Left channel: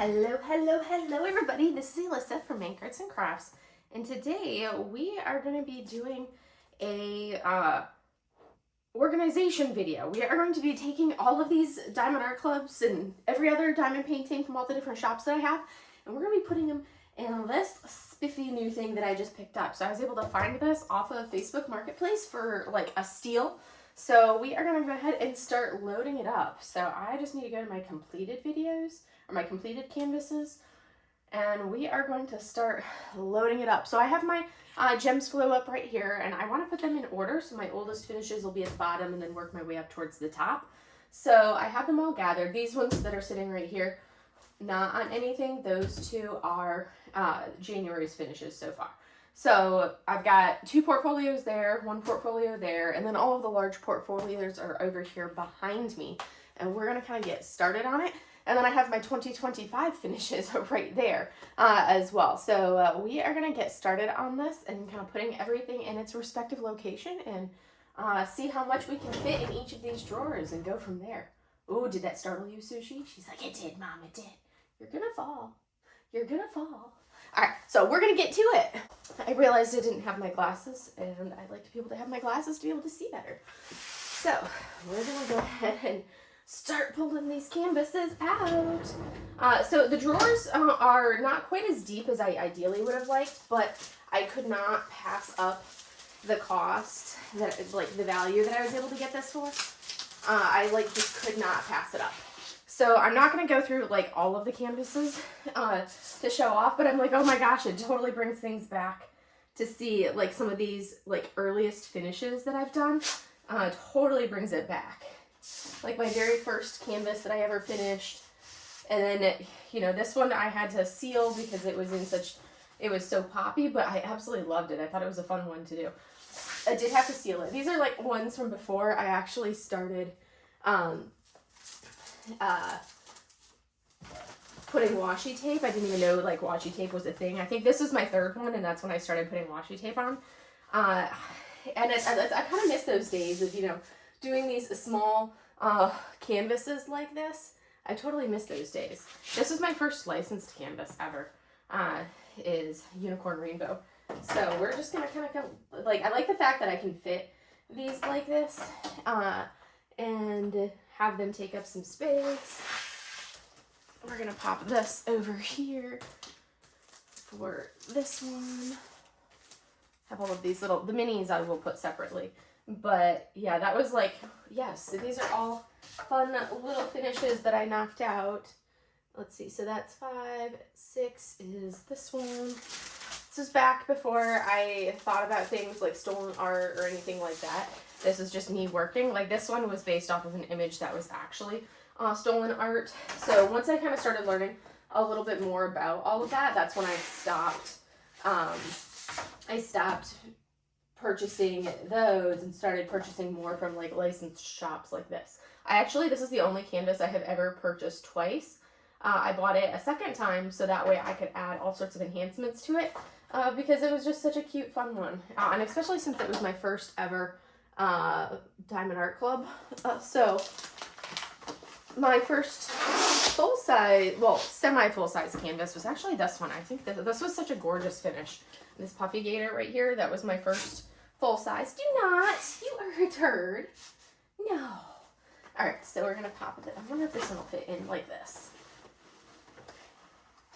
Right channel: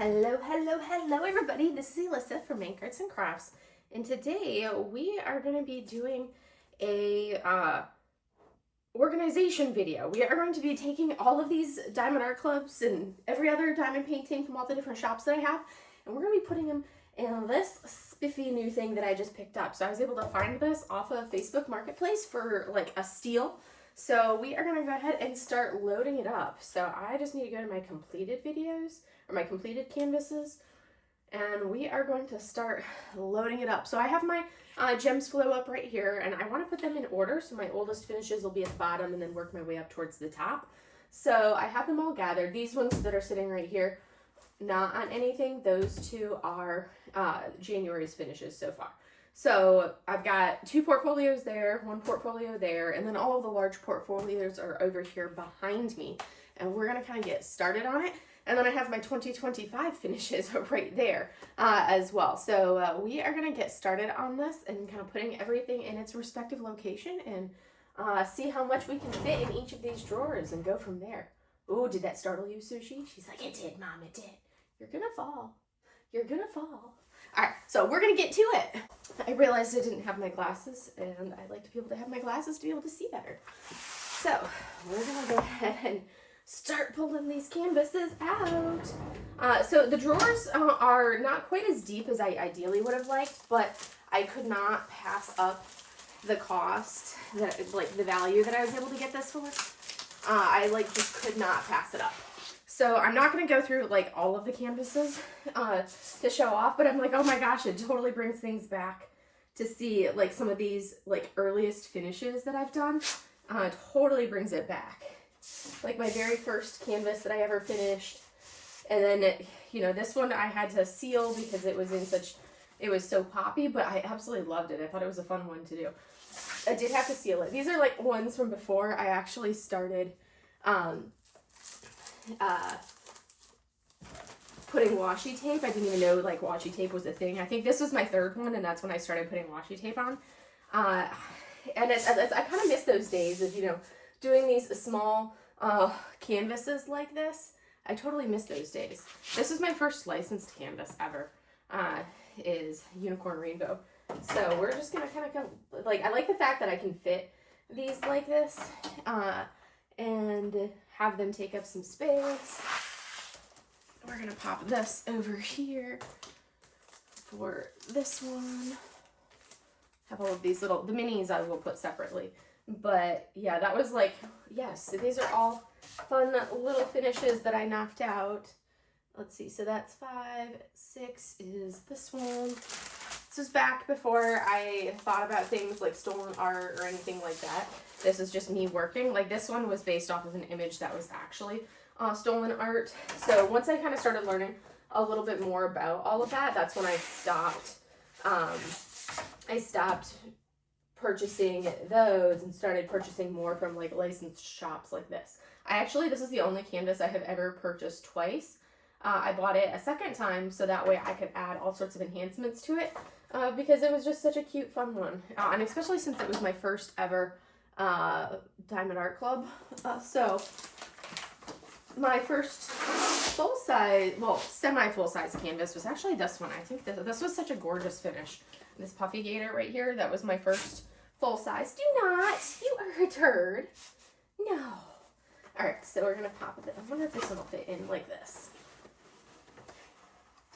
Hello everybody. This is Alyssa from Make Arts and Crafts, and today we are going to be doing a organization video. We are going to be taking all of these diamond art clubs and every other diamond painting from all the different shops that I have, and we're going to be putting them in this spiffy new thing that I just picked up. So I was able to find this off of Facebook Marketplace for like a steal. So we are going to go ahead and start loading it up. So I just need to go to my completed videos, or my completed canvases, and we are going to start loading it up. So I have my gems flow up right here, and I want to put them in order. So my oldest finishes will be at the bottom and then work my way up towards the top. So I have them all gathered. These ones that are sitting right here, not on anything. Those two are January's finishes so far. So I've got 2 portfolios there, 1 portfolio there, and then all of the large portfolios are over here behind me. And we're going to kind of get started on it. And then I have my 2025 finishes right there as well. So we are going to get started on this and kind of putting everything in its respective location and see how much we can fit in each of these drawers and go from there. Ooh, did that startle you, Sushi? She's like, it did, Mom, it did. You're going to fall. You're going to fall. All right, so we're going to get to it. I realized I didn't have my glasses, and I like to be able to have my glasses to be able to see better. So we're going to go ahead and start pulling these canvases out. So the drawers are not quite as deep as I ideally would have liked, but I could not pass up the cost, that like the value that I was able to get this for. I like just could not pass it up. So I'm not going to go through like all of the canvases to show off, but I'm like, oh my gosh, it totally brings things back to see like some of these like earliest finishes that I've done. Totally brings it back. Like my very first canvas that I ever finished. And then, you know, this one I had to seal because it was in such, it was so poppy, but I absolutely loved it. I thought it was a fun one to do. I did have to seal it. These are like ones from before I actually started putting washi tape. I didn't even know like washi tape was a thing. I think this was my 3rd one, and that's when I started putting washi tape on. And I kind of miss those days of, you know, doing these small canvases like this. I totally miss those days. This was my first licensed canvas ever, is Unicorn Rainbow. So we're just gonna kind of like, I like the fact that I can fit these like this and have them take up some space. We're gonna pop this over here for this one. Have all of these little, the minis I will put separately. But yeah, that was like, yes, so these are all fun little finishes that I knocked out. Let's see, so that's 5, 6 is this one. This is back before I thought about things like stolen art or anything like that. This is just me working. Like this one was based off of an image that was actually stolen art. So once I kind of started learning a little bit more about all of that, that's when I stopped. I stopped purchasing those and started purchasing more from like licensed shops like this. This is the only canvas I have ever purchased twice. I bought it a second time so that way I could add all sorts of enhancements to it because it was just such a cute, fun one. And especially since it was my first ever Diamond Art Club. So my first full-size, well, semi-full-size canvas was actually this one. I think this was such a gorgeous finish. This Puffy Gator right here, that was my first full-size. Do not! You are a turd. No. Alright, so we're going to pop it. I wonder if this one will fit in like this.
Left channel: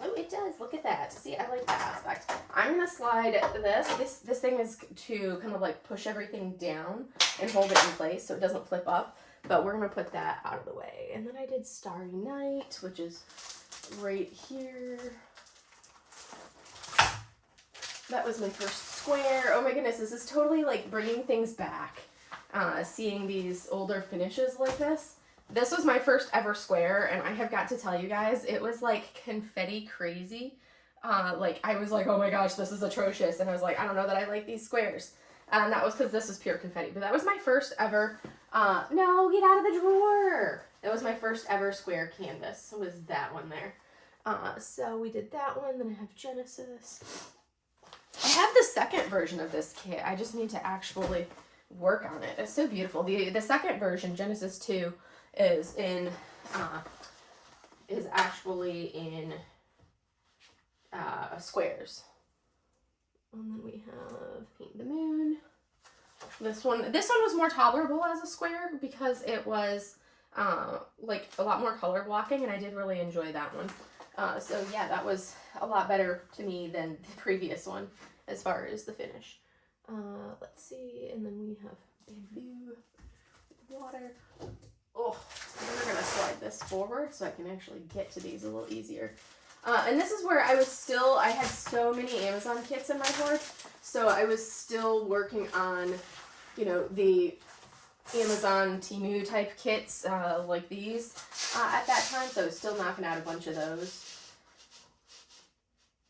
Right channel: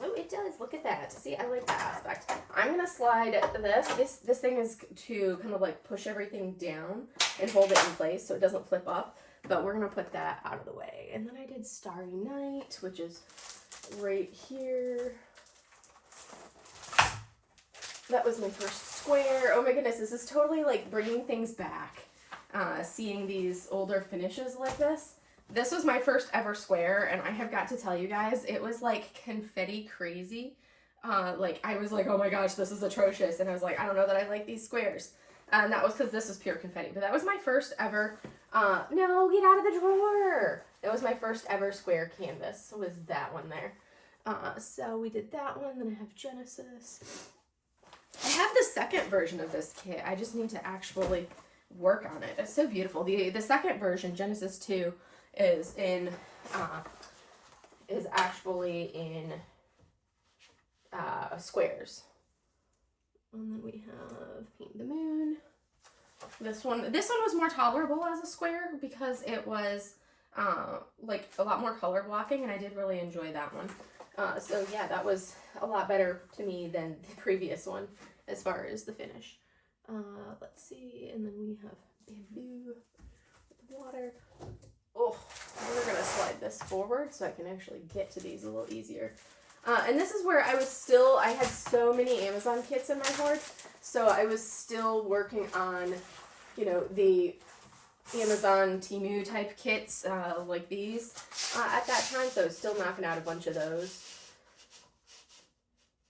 Oh, it does. Look at that. See, I like that aspect. I'm going to slide this. This thing is to kind of like push everything down and hold it in place so it doesn't flip up. But we're going to put that out of the way. And then I did Starry Night, which is right here. That was my first square. Oh my goodness, this is totally like bringing things back. Seeing these older finishes like this. This was my first ever square, and I have got to tell you guys, it was like confetti crazy. Like I was like, oh my gosh, this is atrocious. And I was like, I don't know that I like these squares. And that was because this is pure confetti. But that was my first ever, no, get out of the drawer. That was my first ever square canvas. Was that one there. So we did that one. Then I have Genesis. I have the second version of this kit. I just need to actually work on it. It's so beautiful. The second version, Genesis 2, is in is actually in squares. And then we have Paint the Moon. This one was more tolerable as a square because it was like a lot more color blocking, and I did really enjoy that one. So yeah, that was a lot better to me than the previous one as far as the finish. Let's see, and then we have bamboo with water. Oh, we're gonna slide this forward so I can actually get to these a little easier. And this is where I had so many Amazon kits in my hoard, so I was still working on, you know, the Amazon Temu type kits like these at that time, so I was still knocking out a bunch of those.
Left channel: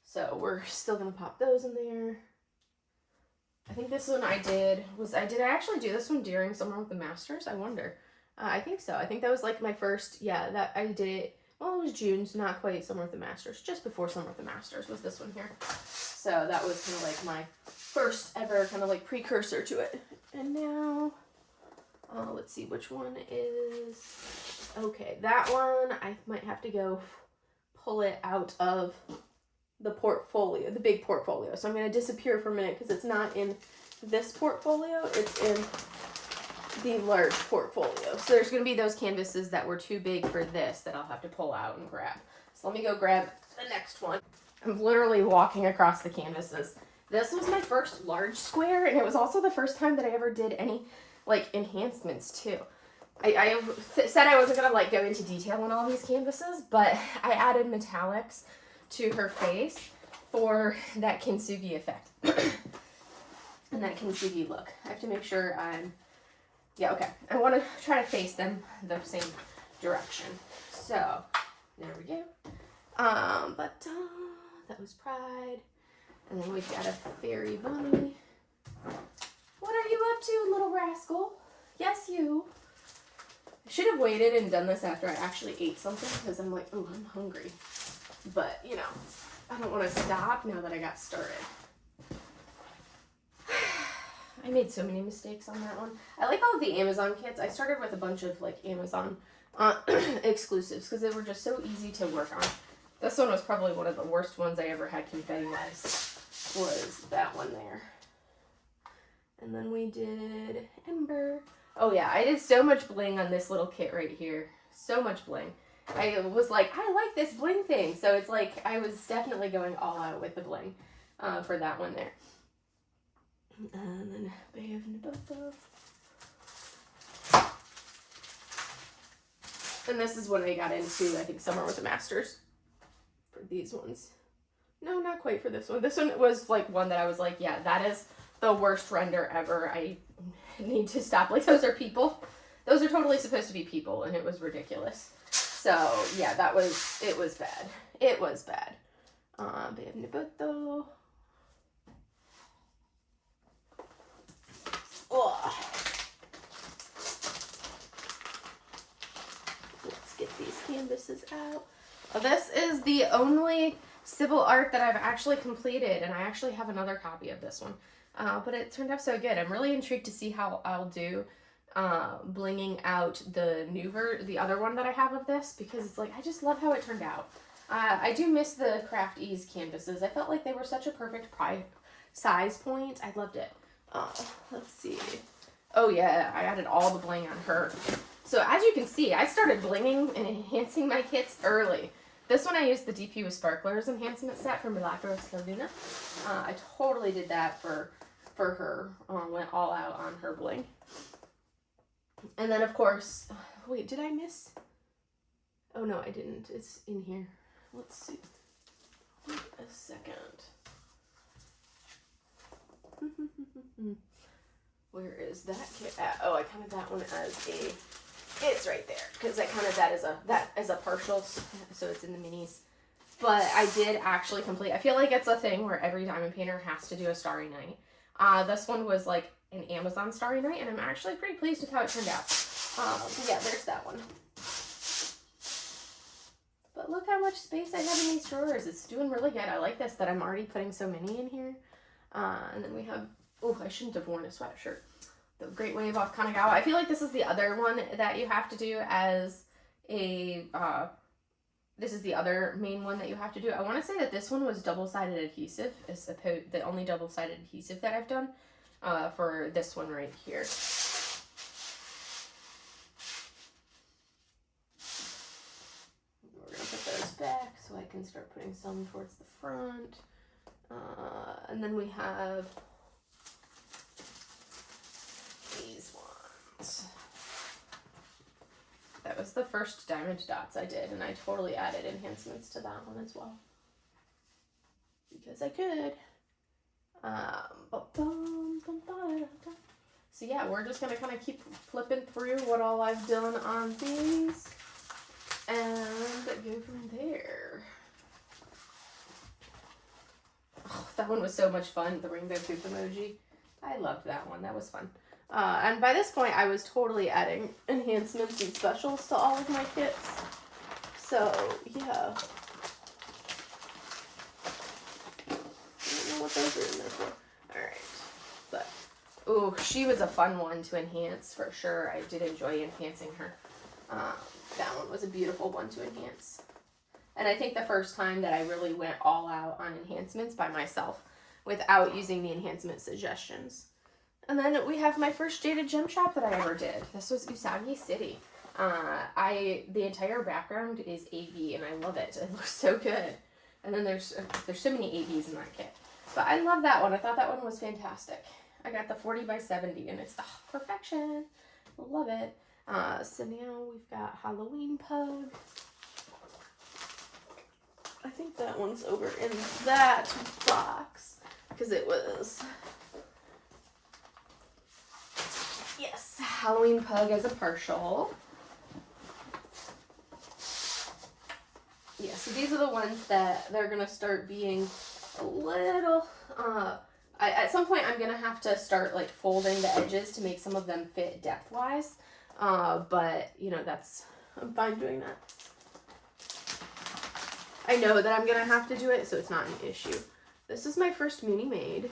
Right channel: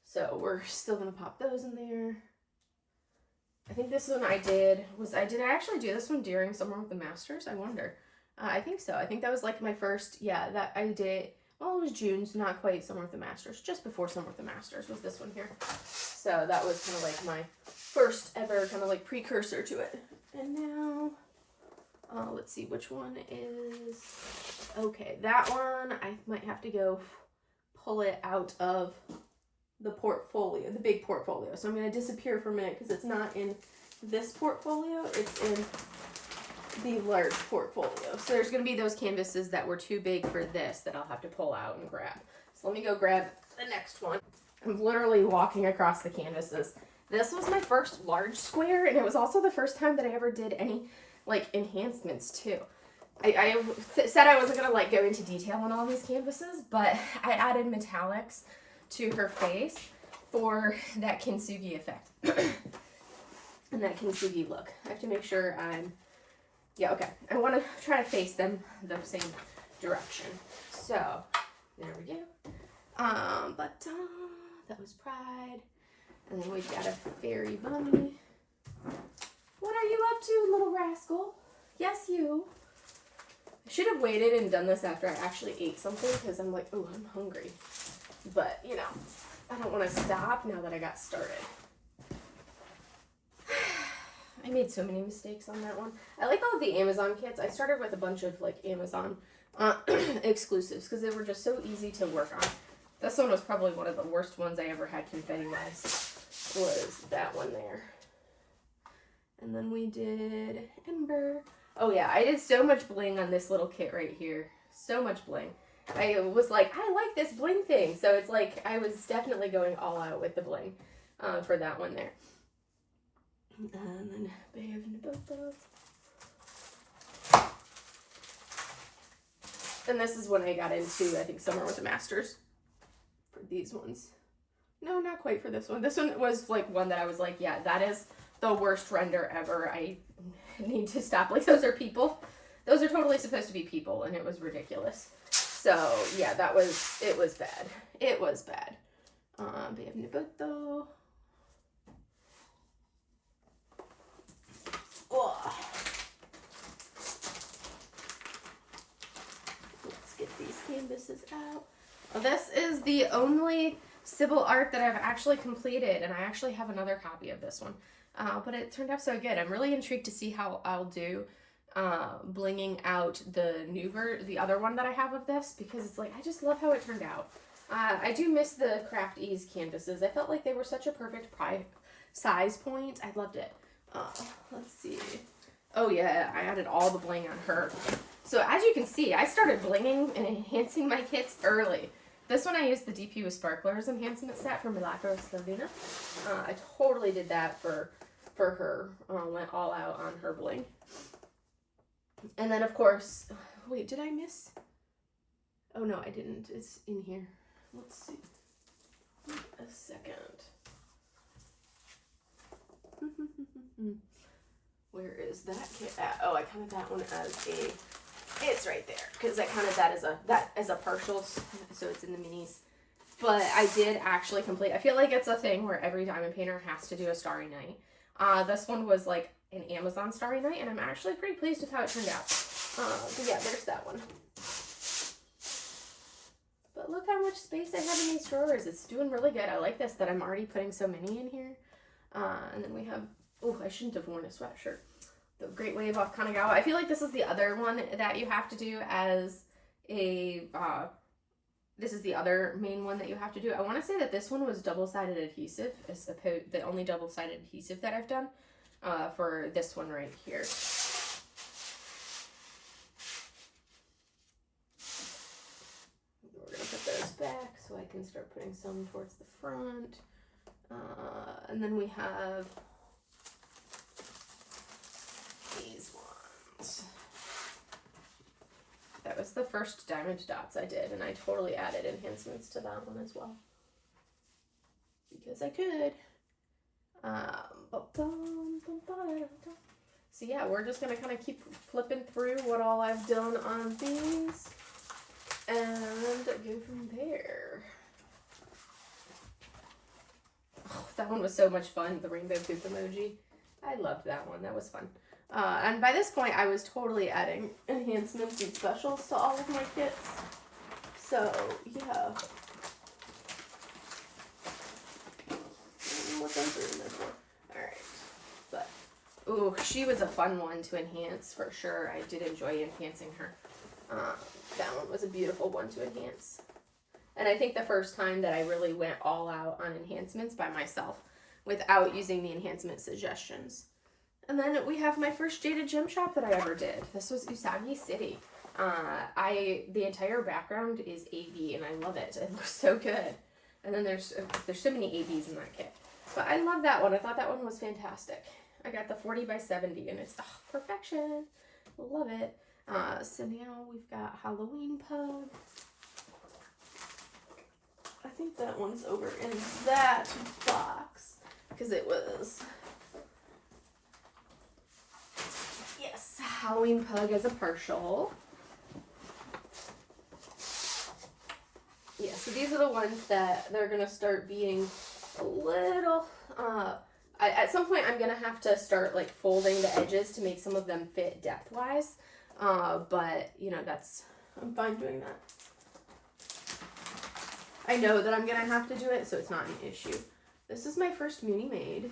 So we're still gonna pop those in there. I think this one did I actually do this one during Summer with the Masters? I wonder. I think so. I think that was like my first, yeah, that I did it. Well, it was June's, not quite Summer with the Masters. Just before Summer with the Masters was this one here. So that was kind of like my first ever kind of like precursor to it. And now, let's see which one is, okay, that one, I might have to go pull it out of the portfolio, the big portfolio. So I'm going to disappear for a minute because it's not in this portfolio, it's in the large portfolio. So there's going to be those canvases that were too big for this that I'll have to pull out and grab. So let me go grab the next one. I'm literally walking across the canvases. This was my first large square, and it was also the first time that I ever did any like enhancements too. I said I wasn't going to like go into detail on all these canvases, but I added metallics to her face for that kintsugi effect and that kintsugi look. I have to make sure yeah, okay. I want to try to face them the same direction. So, there we go. That was Pride. And then we've got a Fairy Bunny. What are you up to, little rascal? Yes, you. I should have waited and done this after I actually ate something because I'm like, oh, I'm hungry. But, you know, I don't want to stop now that I got started. I made so many mistakes on that one. I like all of the Amazon kits. I started with a bunch of like Amazon exclusives because they were just so easy to work on. This one was probably one of the worst ones I ever had confetti-wise, was that one there. And then we did Ember. Oh yeah, I did so much bling on this little kit right here. So much bling. I was like, I like this bling thing. So it's like, I was definitely going all out with the bling for that one there. And then Bay of Naboto. And this is when I got into, I think, Summer with the Masters for these ones. No, not quite for this one. This one was like one that I was like, yeah, that is the worst render ever. I need to stop. Like, those are people. Those are totally supposed to be people, and it was ridiculous. So, yeah, it was bad. It was bad. Bay of Naboto. Oh. Let's get these canvases out. Well, this is the only Sybil art that I've actually completed, and I actually have another copy of this one. But it turned out so good. I'm really intrigued to see how I'll do blinging out the other one that I have of this, because it's like, I just love how it turned out. I do miss the Craft Ease canvases. I felt like they were such a perfect size point. I loved it. Let's see. Oh yeah, I added all the bling on her. So as you can see, I started blinging and enhancing my kits early. This one I used the DP with Sparklers enhancement set from Milagros Laguna. I totally did that for her. Went all out on her bling. And then of course, wait, did I miss? Oh no, I didn't. It's in here. Let's see. A second. Where is that kit at? Oh, I counted that one as it's right there, because I counted that as a partial, so it's in the minis. But I did actually complete, I feel like it's a thing where every diamond painter has to do a Starry Night. This one was like an Amazon Starry Night, and I'm actually pretty pleased with how it turned out. But yeah, there's that one. But look how much space I have in these drawers. It's doing really good. I like this, that I'm already putting so many in here. And then we have, oh, I shouldn't have worn a sweatshirt. The Great Wave off Kanagawa. I feel like this is the other one that you have to do as a this is the other main one that you have to do. I want to say that this one was double-sided adhesive, as opposed the only double-sided adhesive that I've done for this one right here. We're gonna put those back so I can start putting some towards the front. And then we have these ones. That was the first diamond dots I did, and I totally added enhancements to that one as well. Because I could. So yeah, we're just gonna kind of keep flipping through what all I've done on these and go from there. Oh, that one was so much fun, the rainbow poop emoji. I loved that one, that was fun. And by this point, I was totally adding enhancements and specials to all of my kits. So, yeah. I don't know what those are in there for. Alright. But, ooh, she was a fun one to enhance for sure. I did enjoy enhancing her. That one was a beautiful one to enhance. And I think the first time that I really went all out on enhancements by myself without using the enhancement suggestions. And then we have my first Jaded Gem shop that I ever did. This was Usagi City. The entire background is AB and I love it. It looks so good. And then there's so many ABs in that kit. But I love that one. I thought that one was fantastic. I got the 40 by 70 and it's perfection. Love it. So now we've got Halloween Pug. I think that one's over in that box because it was, yes, Halloween Pug as a partial. Yeah, so these are the ones that they're going to start being a little, at some point I'm going to have to start like folding the edges to make some of them fit depth-wise, but, you know, I'm fine doing that. I know that I'm going to have to do it, so it's not an issue. This is my first Moonie Maid.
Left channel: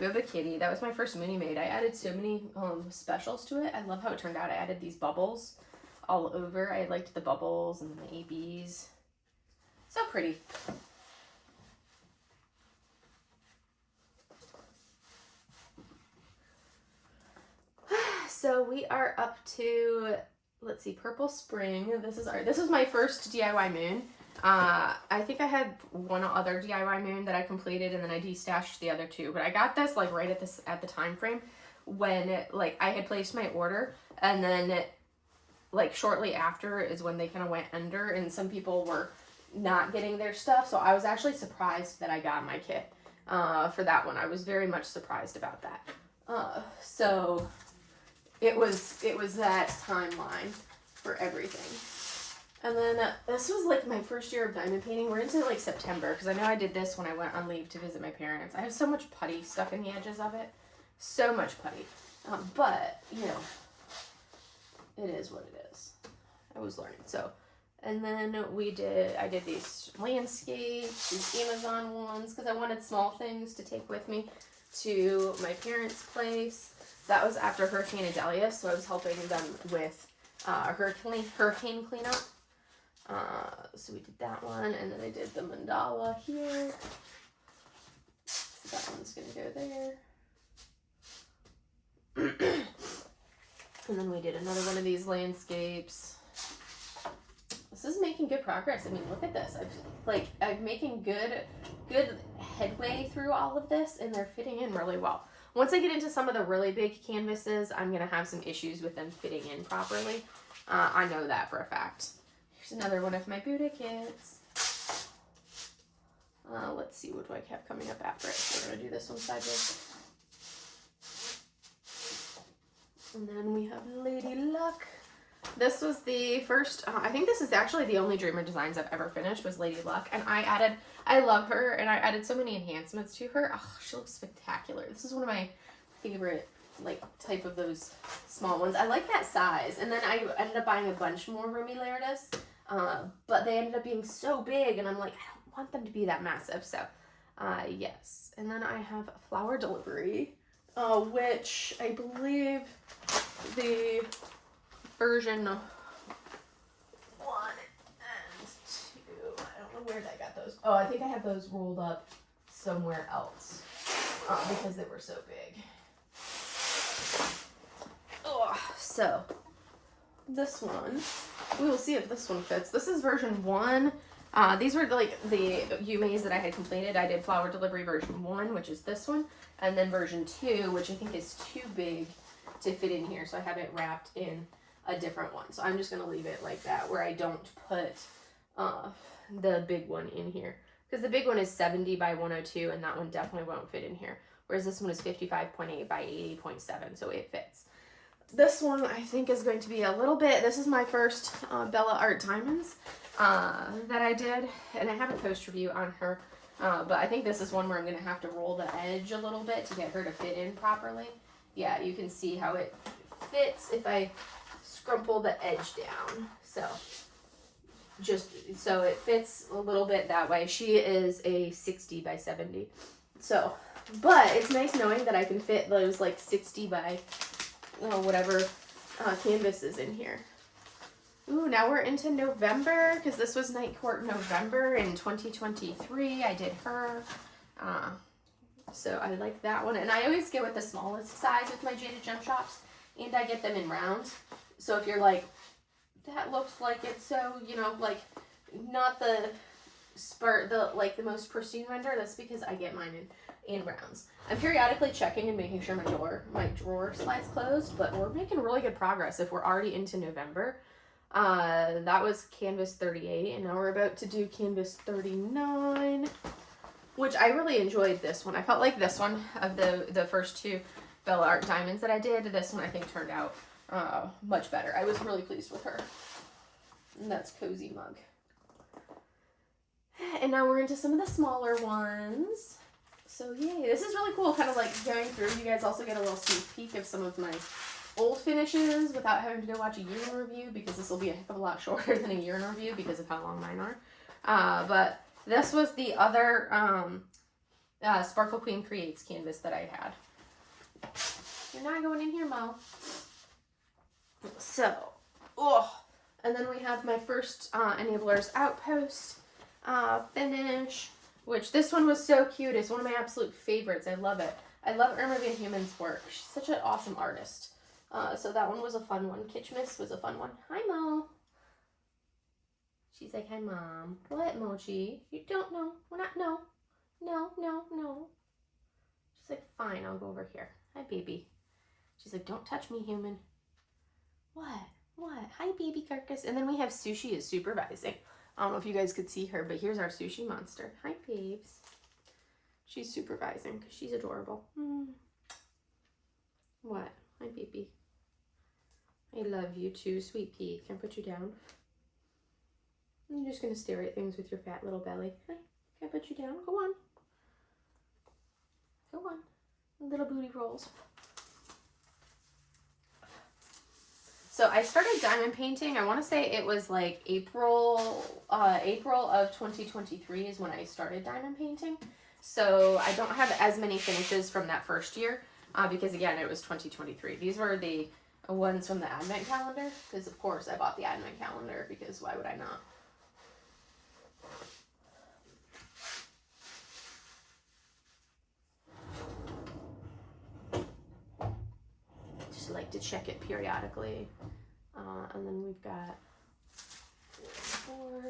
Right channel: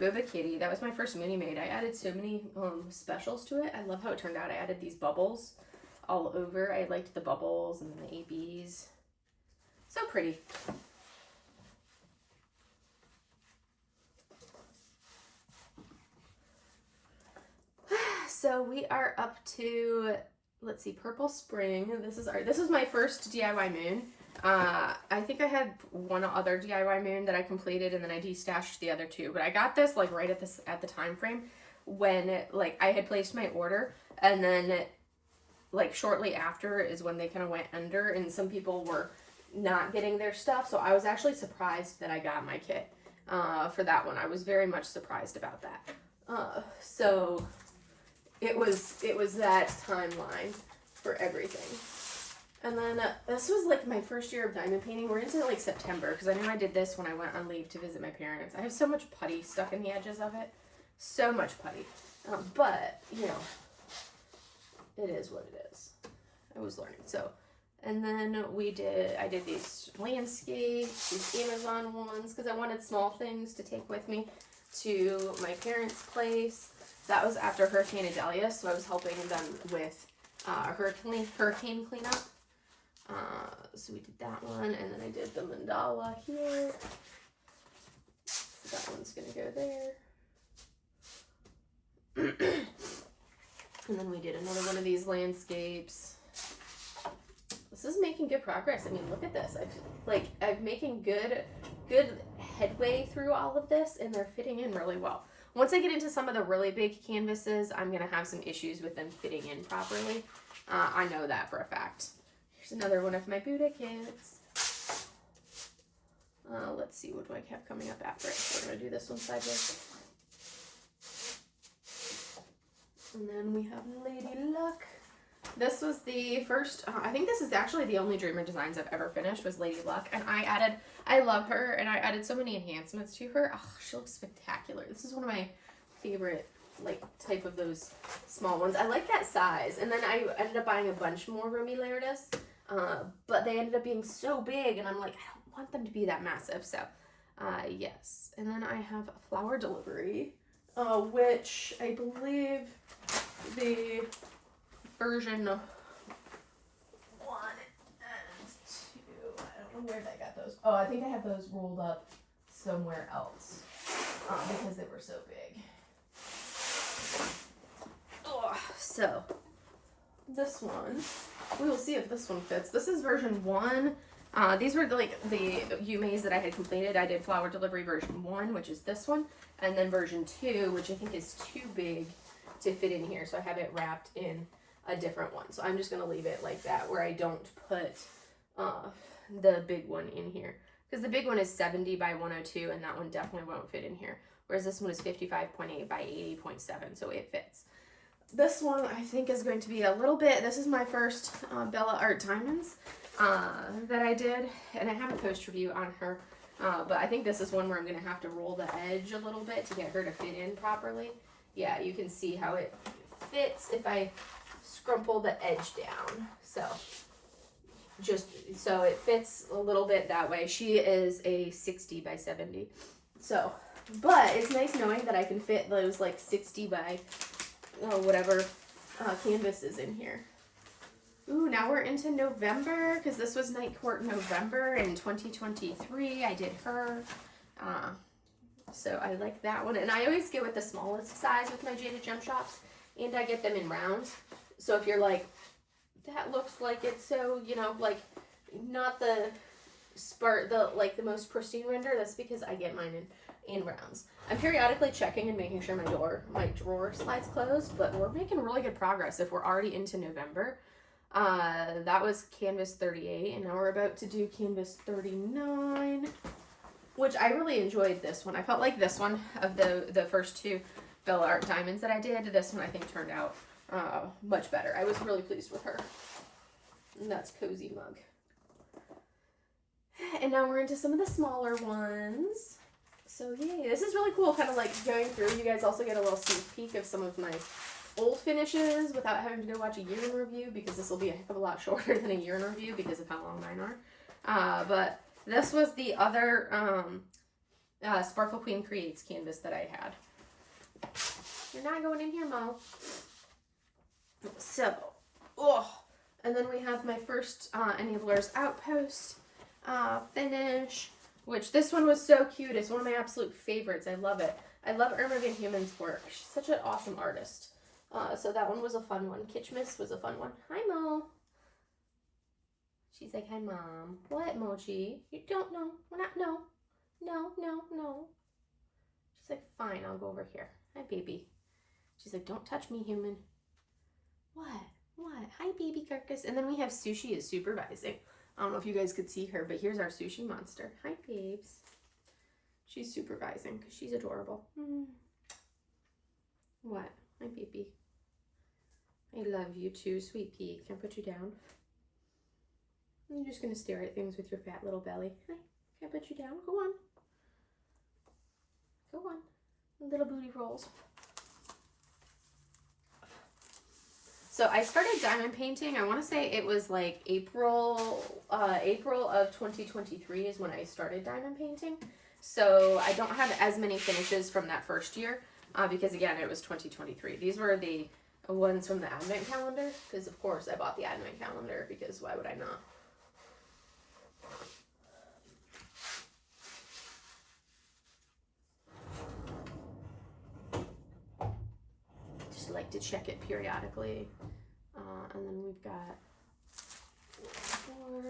Boba Kitty. That was my first Moonie Maid. I added so many specials to it. I love how it turned out. I added these bubbles all over. I liked the bubbles and the ABs. So pretty. So we are up to, let's see, Purple Spring. This is my first DIY moon. I think I had one other DIY moon that I completed and then I destashed the other two, but I got this like right at the time frame when like I had placed my order, and then like shortly after is when they kind of went under and some people were not getting their stuff. So I was actually surprised that I got my kit for that one. I was very much surprised about that. So it was that timeline for everything. And then this was like my first year of diamond painting. We're into like September because I know I did this when I went on leave to visit my parents. I have so much putty stuck in the edges of it. So much putty. But, you know, it is what it is. I was learning. So, and then I did these landscapes, these Amazon ones, because I wanted small things to take with me to my parents' place. That was after Hurricane Idalia, so I was helping them with hurricane cleanup. So we did that one, and then I did the mandala here. So that one's gonna go there. And then we did another one of these landscapes. This is making good progress. I mean, look at this. I'm making good headway through all of this, and they're fitting in really well. Once I get into some of the really big canvases, I'm gonna have some issues with them fitting in properly. I know that for a fact. Here's another one of my Buddha kits. Let's see, what do I have coming up after it? We're gonna do this one sideways. And then we have Lady Luck. This was the first, I think this is actually the only Dreamer designs I've ever finished was Lady Luck. And I love her, and I added so many enhancements to her. Oh, she looks spectacular. This is one of my favorite, like, type of those small ones. I like that size. And then I ended up buying a bunch more Rumi Lairdus, but they ended up being so big, and I'm like, I don't want them to be that massive. So, yes. And then I have Flower Delivery, which I believe the version 1 and where did I got those? Oh, I think I have those rolled up somewhere else because they were so big. Oh, so this one, we will see if this one fits. This is version 1. These were like the Yumeis that I had completed. I did flower delivery version 1, which is this one, and then version 2, which I think is too big to fit in here, so I have it wrapped in a different one. So I'm just going to leave it like that, where I don't put the big one in here, because the big one is 70 by 102, and that one definitely won't fit in here, whereas this one is 55.8 by 80.7, so it fits. This one I think is going to be a little bit, this is my first Bella Art Diamonds that I did, and I have a post review on her, but I think this is one where I'm going to have to roll the edge a little bit to get her to fit in properly. Yeah, you can see how it fits if I scrumple the edge down, so just so it fits a little bit that way. She is a 60 by 70, so, but it's nice knowing that I can fit those like 60 by whatever canvases in here. Ooh, now we're into November, because this was Night Court November in 2023. I did her. So I like that one. And I always get with the smallest size with my Jaded Gem shops, and I get them in rounds. So if you're like, that looks like it's so, you know, like not the the most pristine render, that's because I get mine in rounds. I'm periodically checking and making sure my drawer slides closed, but we're making really good progress if we're already into November. That was canvas 38, and now we're about to do canvas 39, which I really enjoyed this one. I felt like this one, of the first 2 Bella Art Diamonds that I did, this one I think turned out much better. I was really pleased with her. And that's Cozy Mug. And now we're into some of the smaller ones. So yay, this is really cool, kind of like going through. You guys also get a little sneak peek of some of my old finishes without having to go watch a year in review, because this will be a heck of a lot shorter than a year in review because of how long mine are. But this was the other Sparkle Queen Creates canvas that I had. You're not going in here, Mo. So, and then we have my first Enablers Outpost finish, which this one was so cute. It's one of my absolute favorites. I love it. I love Irma Van Humen's work. She's such an awesome artist. So that one was a fun one. Kitschmas was a fun one. Hi, Mo. She's like, hi, Mom. What, Mochi? You don't know. We're not, no. No, no, no. She's like, fine, I'll go over here. Hi, baby. She's like, don't touch me, human. What? What? Hi, baby carcass. And then we have Sushi is supervising. I don't know if you guys could see her, but here's our sushi monster. Hi, babes. She's supervising because she's adorable. What? Hi, baby. I love you too, sweet pea. Can I put you down? I'm just going to stare at things with your fat little belly. Hi. Can I put you down? Go on. Go on. Little booty rolls. So I started diamond painting. I want to say it was like April of 2023 is when I started diamond painting. So I don't have as many finishes from that first year because again, it was 2023. These were the ones from the advent calendar, because of course I bought the advent calendar, because why would I not? Just like to check it periodically. And then we've got 4.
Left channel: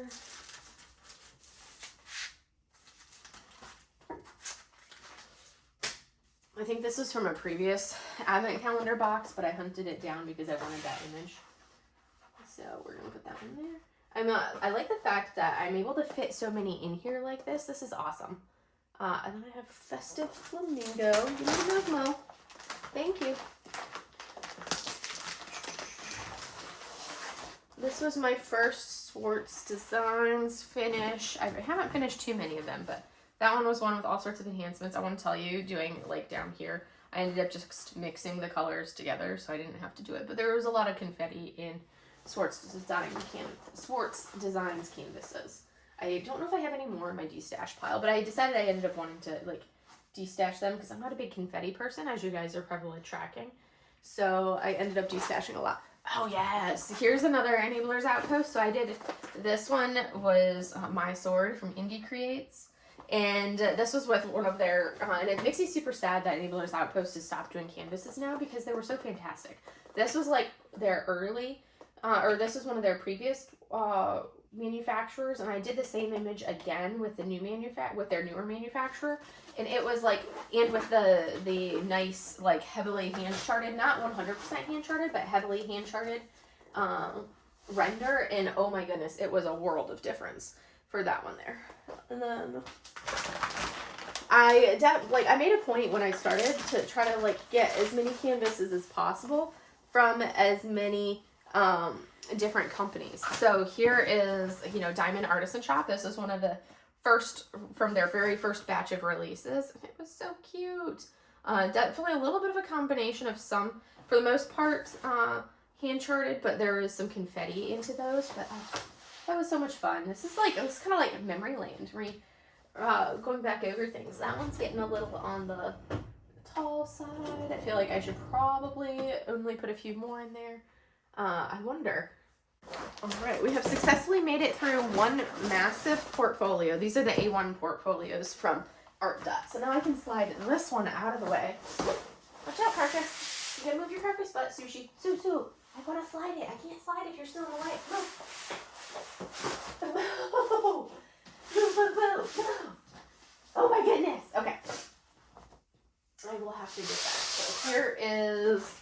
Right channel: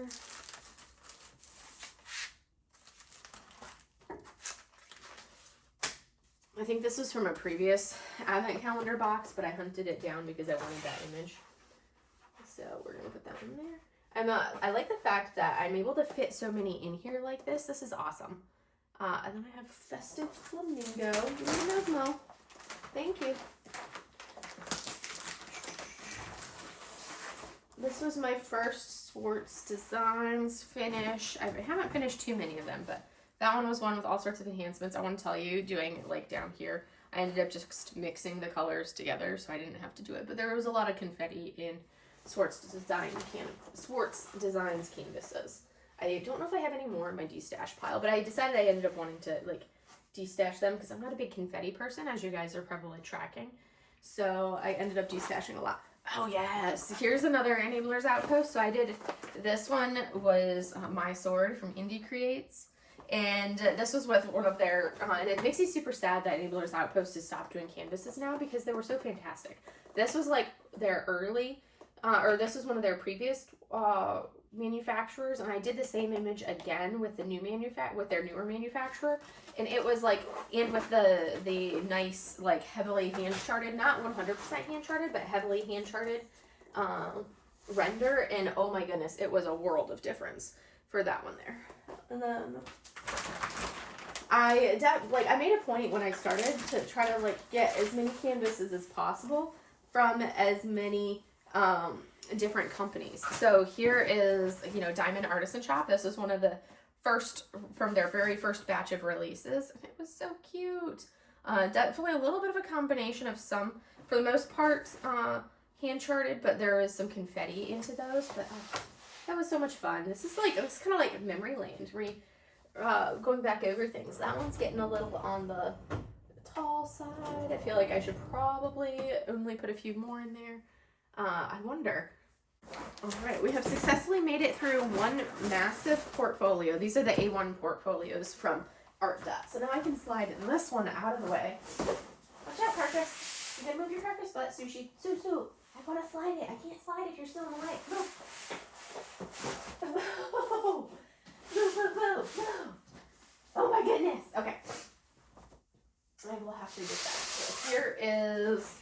I think this was from a previous advent calendar box, but I hunted it down because I wanted that image. So we're gonna put that in there. I like the fact that I'm able to fit so many in here like this. This is awesome. And then I have Festive Flamingo. Give me those, Mo. Thank you. This was my first Swartz Designs finish. I haven't finished too many of them, but that one was one with all sorts of enhancements. I want to tell you, doing like down here, I ended up just mixing the colors together, so I didn't have to do it. But there was a lot of confetti in Swartz Designs canvases. I don't know if I have any more in my destash pile, but I decided I ended up wanting to like destash them because I'm not a big confetti person, as you guys are probably tracking. So I ended up destashing a lot. Oh yes, here's another Enablers Outpost. So I did, this one was My Sword from Indie Creates. And this was with one of their, and it makes me super sad that Enablers Outpost has stopped doing canvases now because they were so fantastic. This was like their early, or this was one of their previous manufacturers, and I did the same image again with the new with their newer manufacturer, and it was like, and with the nice like heavily hand charted, not 100% hand charted, but heavily hand charted render, and oh my goodness, it was a world of difference for that one there. And then I made a point when I started to try to like get as many canvases as possible from as many different companies. So here is, you know, Diamond Artisan Shop. This is one of the first, from their very first batch of releases. It was so cute. Definitely a little bit of a combination of some, for the most part, hand charted, but there is some confetti into those. But that was so much fun. This is like, it's kind of like memory lane, going back over things. That one's getting a little on the tall side. I feel like I should probably only put a few more in there. I wonder. All right, we have successfully made it through one massive portfolio. These are the A1 portfolios from Art Dot. So now I can slide this one out of the way. Watch out, Carcass. You gotta move your carcass butt, Sushi. Sue, I want to slide it. I can't slide if you're still in the way. No. No. Oh my goodness. Okay. I will have to get that. So here is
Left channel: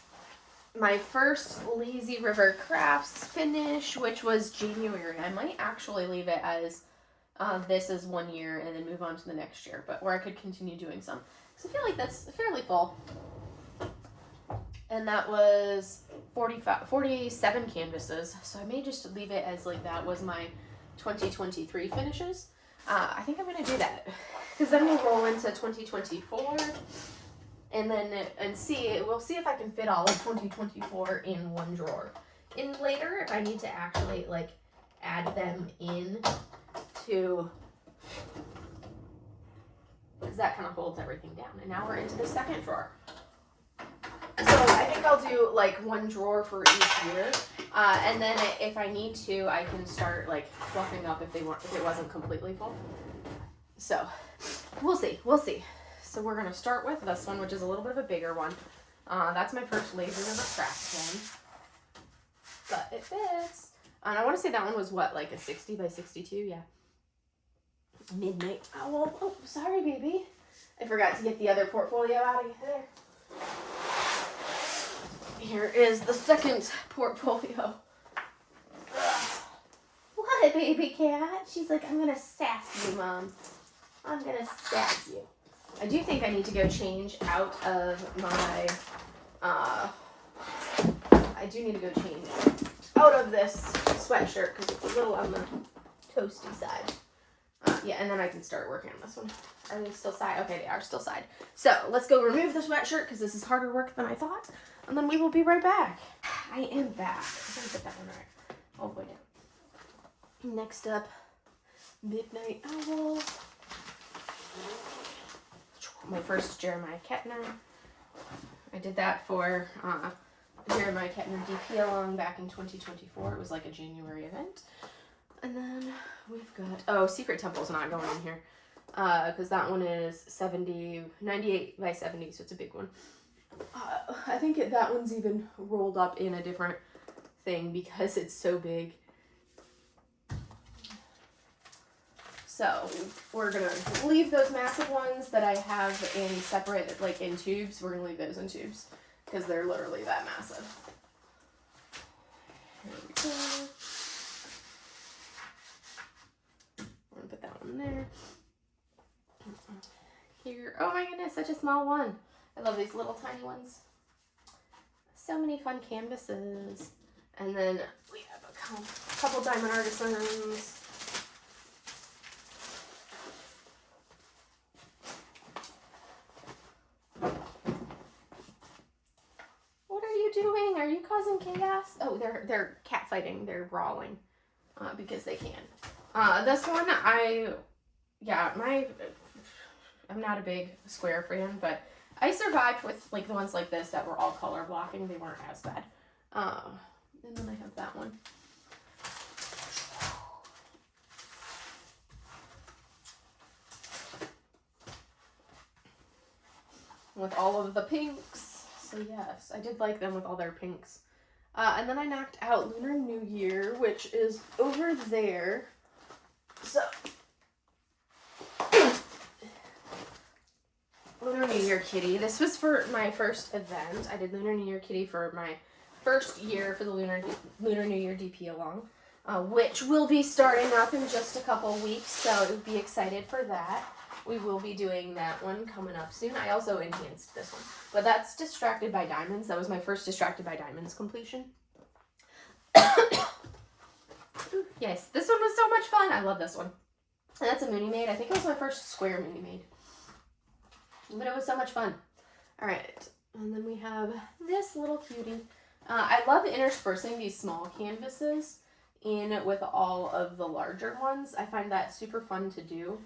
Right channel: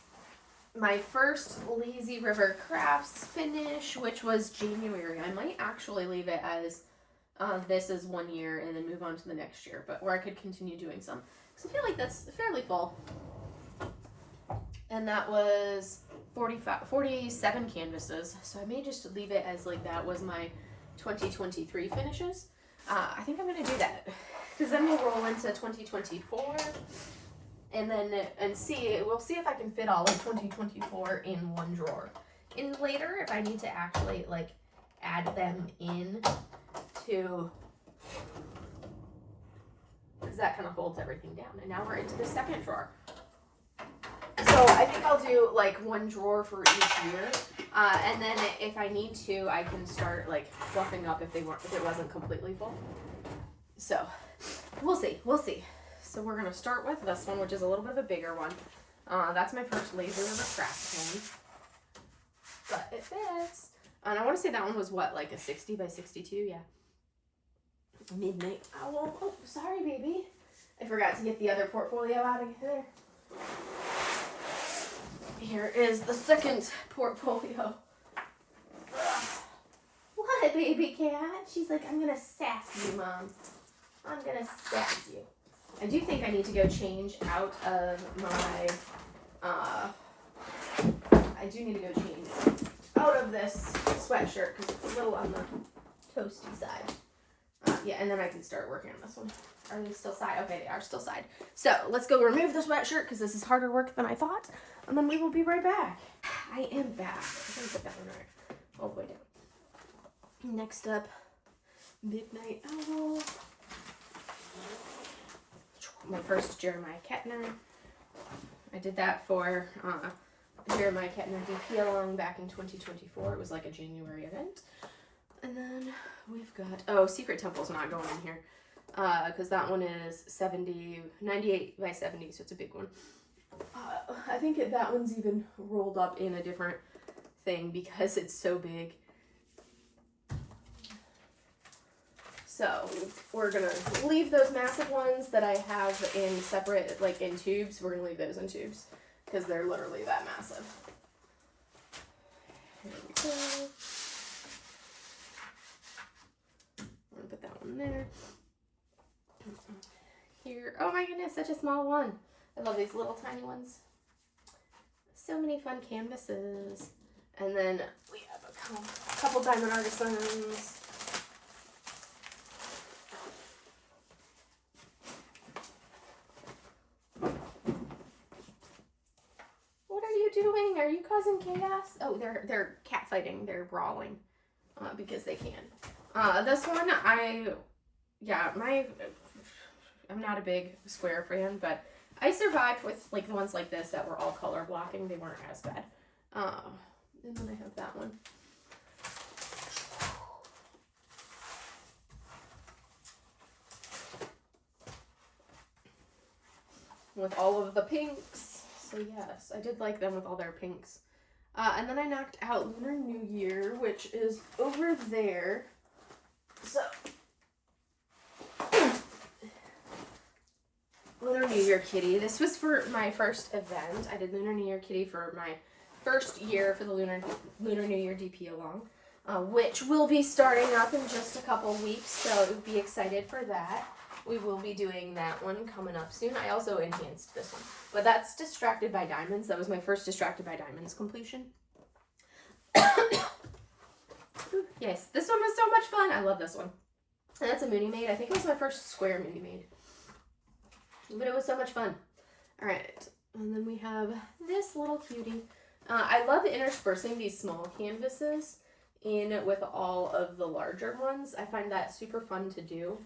my first Lazy River Crafts finish, which was January. I might actually leave it as this is 1 year and then move on to the next year, but or I could continue doing some. So I feel like that's fairly full. And that was 47 canvases. So I may just leave it as like that was my 2023 finishes. I think I'm going to do that because then we'll roll into 2024 and then we'll see if I can fit all of 2024 in one drawer. And later, if I need to actually like add them in to, because that kind of holds everything down. And now we're into the second drawer. So I think I'll do like one drawer for each year. And then if I need to, I can start like fluffing up if it wasn't completely full. So we'll see. So we're gonna start with this one, which is a little bit of a bigger one. That's my first Lazy River Craft pen, but it fits. And I want to say that one was what, like a 60 by 62, yeah. Midnight Owl. Oh, sorry, baby. I forgot to get the other portfolio out of there. Here is the second portfolio. What, baby cat? She's like, I'm gonna sass you, Mom. I'm gonna sass you. I do think I need to go change out of my, this sweatshirt because it's a little on the toasty side. Yeah, and then I can start working on this one. Are they still side? Okay, they are still side. So let's go remove the sweatshirt because this is harder work than I thought. And then we will be right back. I am back. I'm gonna put that one right all the way down. Next up, Midnight Owl. My first Jeremiah Kettner. I did that for Jeremiah Kettner DP along back in 2024. It was like a January event. And then we've got, Secret Temple's not going in here. Because that one is 98 by 70, so it's a big one. I think that one's even rolled up in a different thing because it's so big. So we're gonna leave those massive ones that I have in separate, like in tubes. We're gonna leave those in tubes because they're literally that massive. Here we go. I'm gonna put that one there. Here, oh my goodness, such a small one. I love these little tiny ones. So many fun canvases. And then we have a couple Diamond Artisans. What are you doing? Are you causing chaos? Oh, they're cat fighting. They're brawling because they can. This one, I'm not a big square fan, but I survived with like the ones like this that were all color blocking. They weren't as bad. And then I have that one. With all of the pinks. So yes, I did like them with all their pinks. And then I knocked out Lunar New Year, which is over there. So, Lunar New Year Kitty. This was for my first event. I did Lunar New Year Kitty for my first year for the Lunar New Year DP along, which will be starting up in just a couple weeks, so be excited for that. We will be doing that one coming up soon. I also enhanced this one, but that's Distracted by Diamonds. That was my first Distracted by Diamonds completion. Yes, this one was so much fun. I love this one. And that's a Mooney Maid. I think it was my first square Mooney Maid. But it was so much fun. All right, and then we have this little cutie. I love interspersing these small canvases in with all of the larger ones. I find that super fun to do.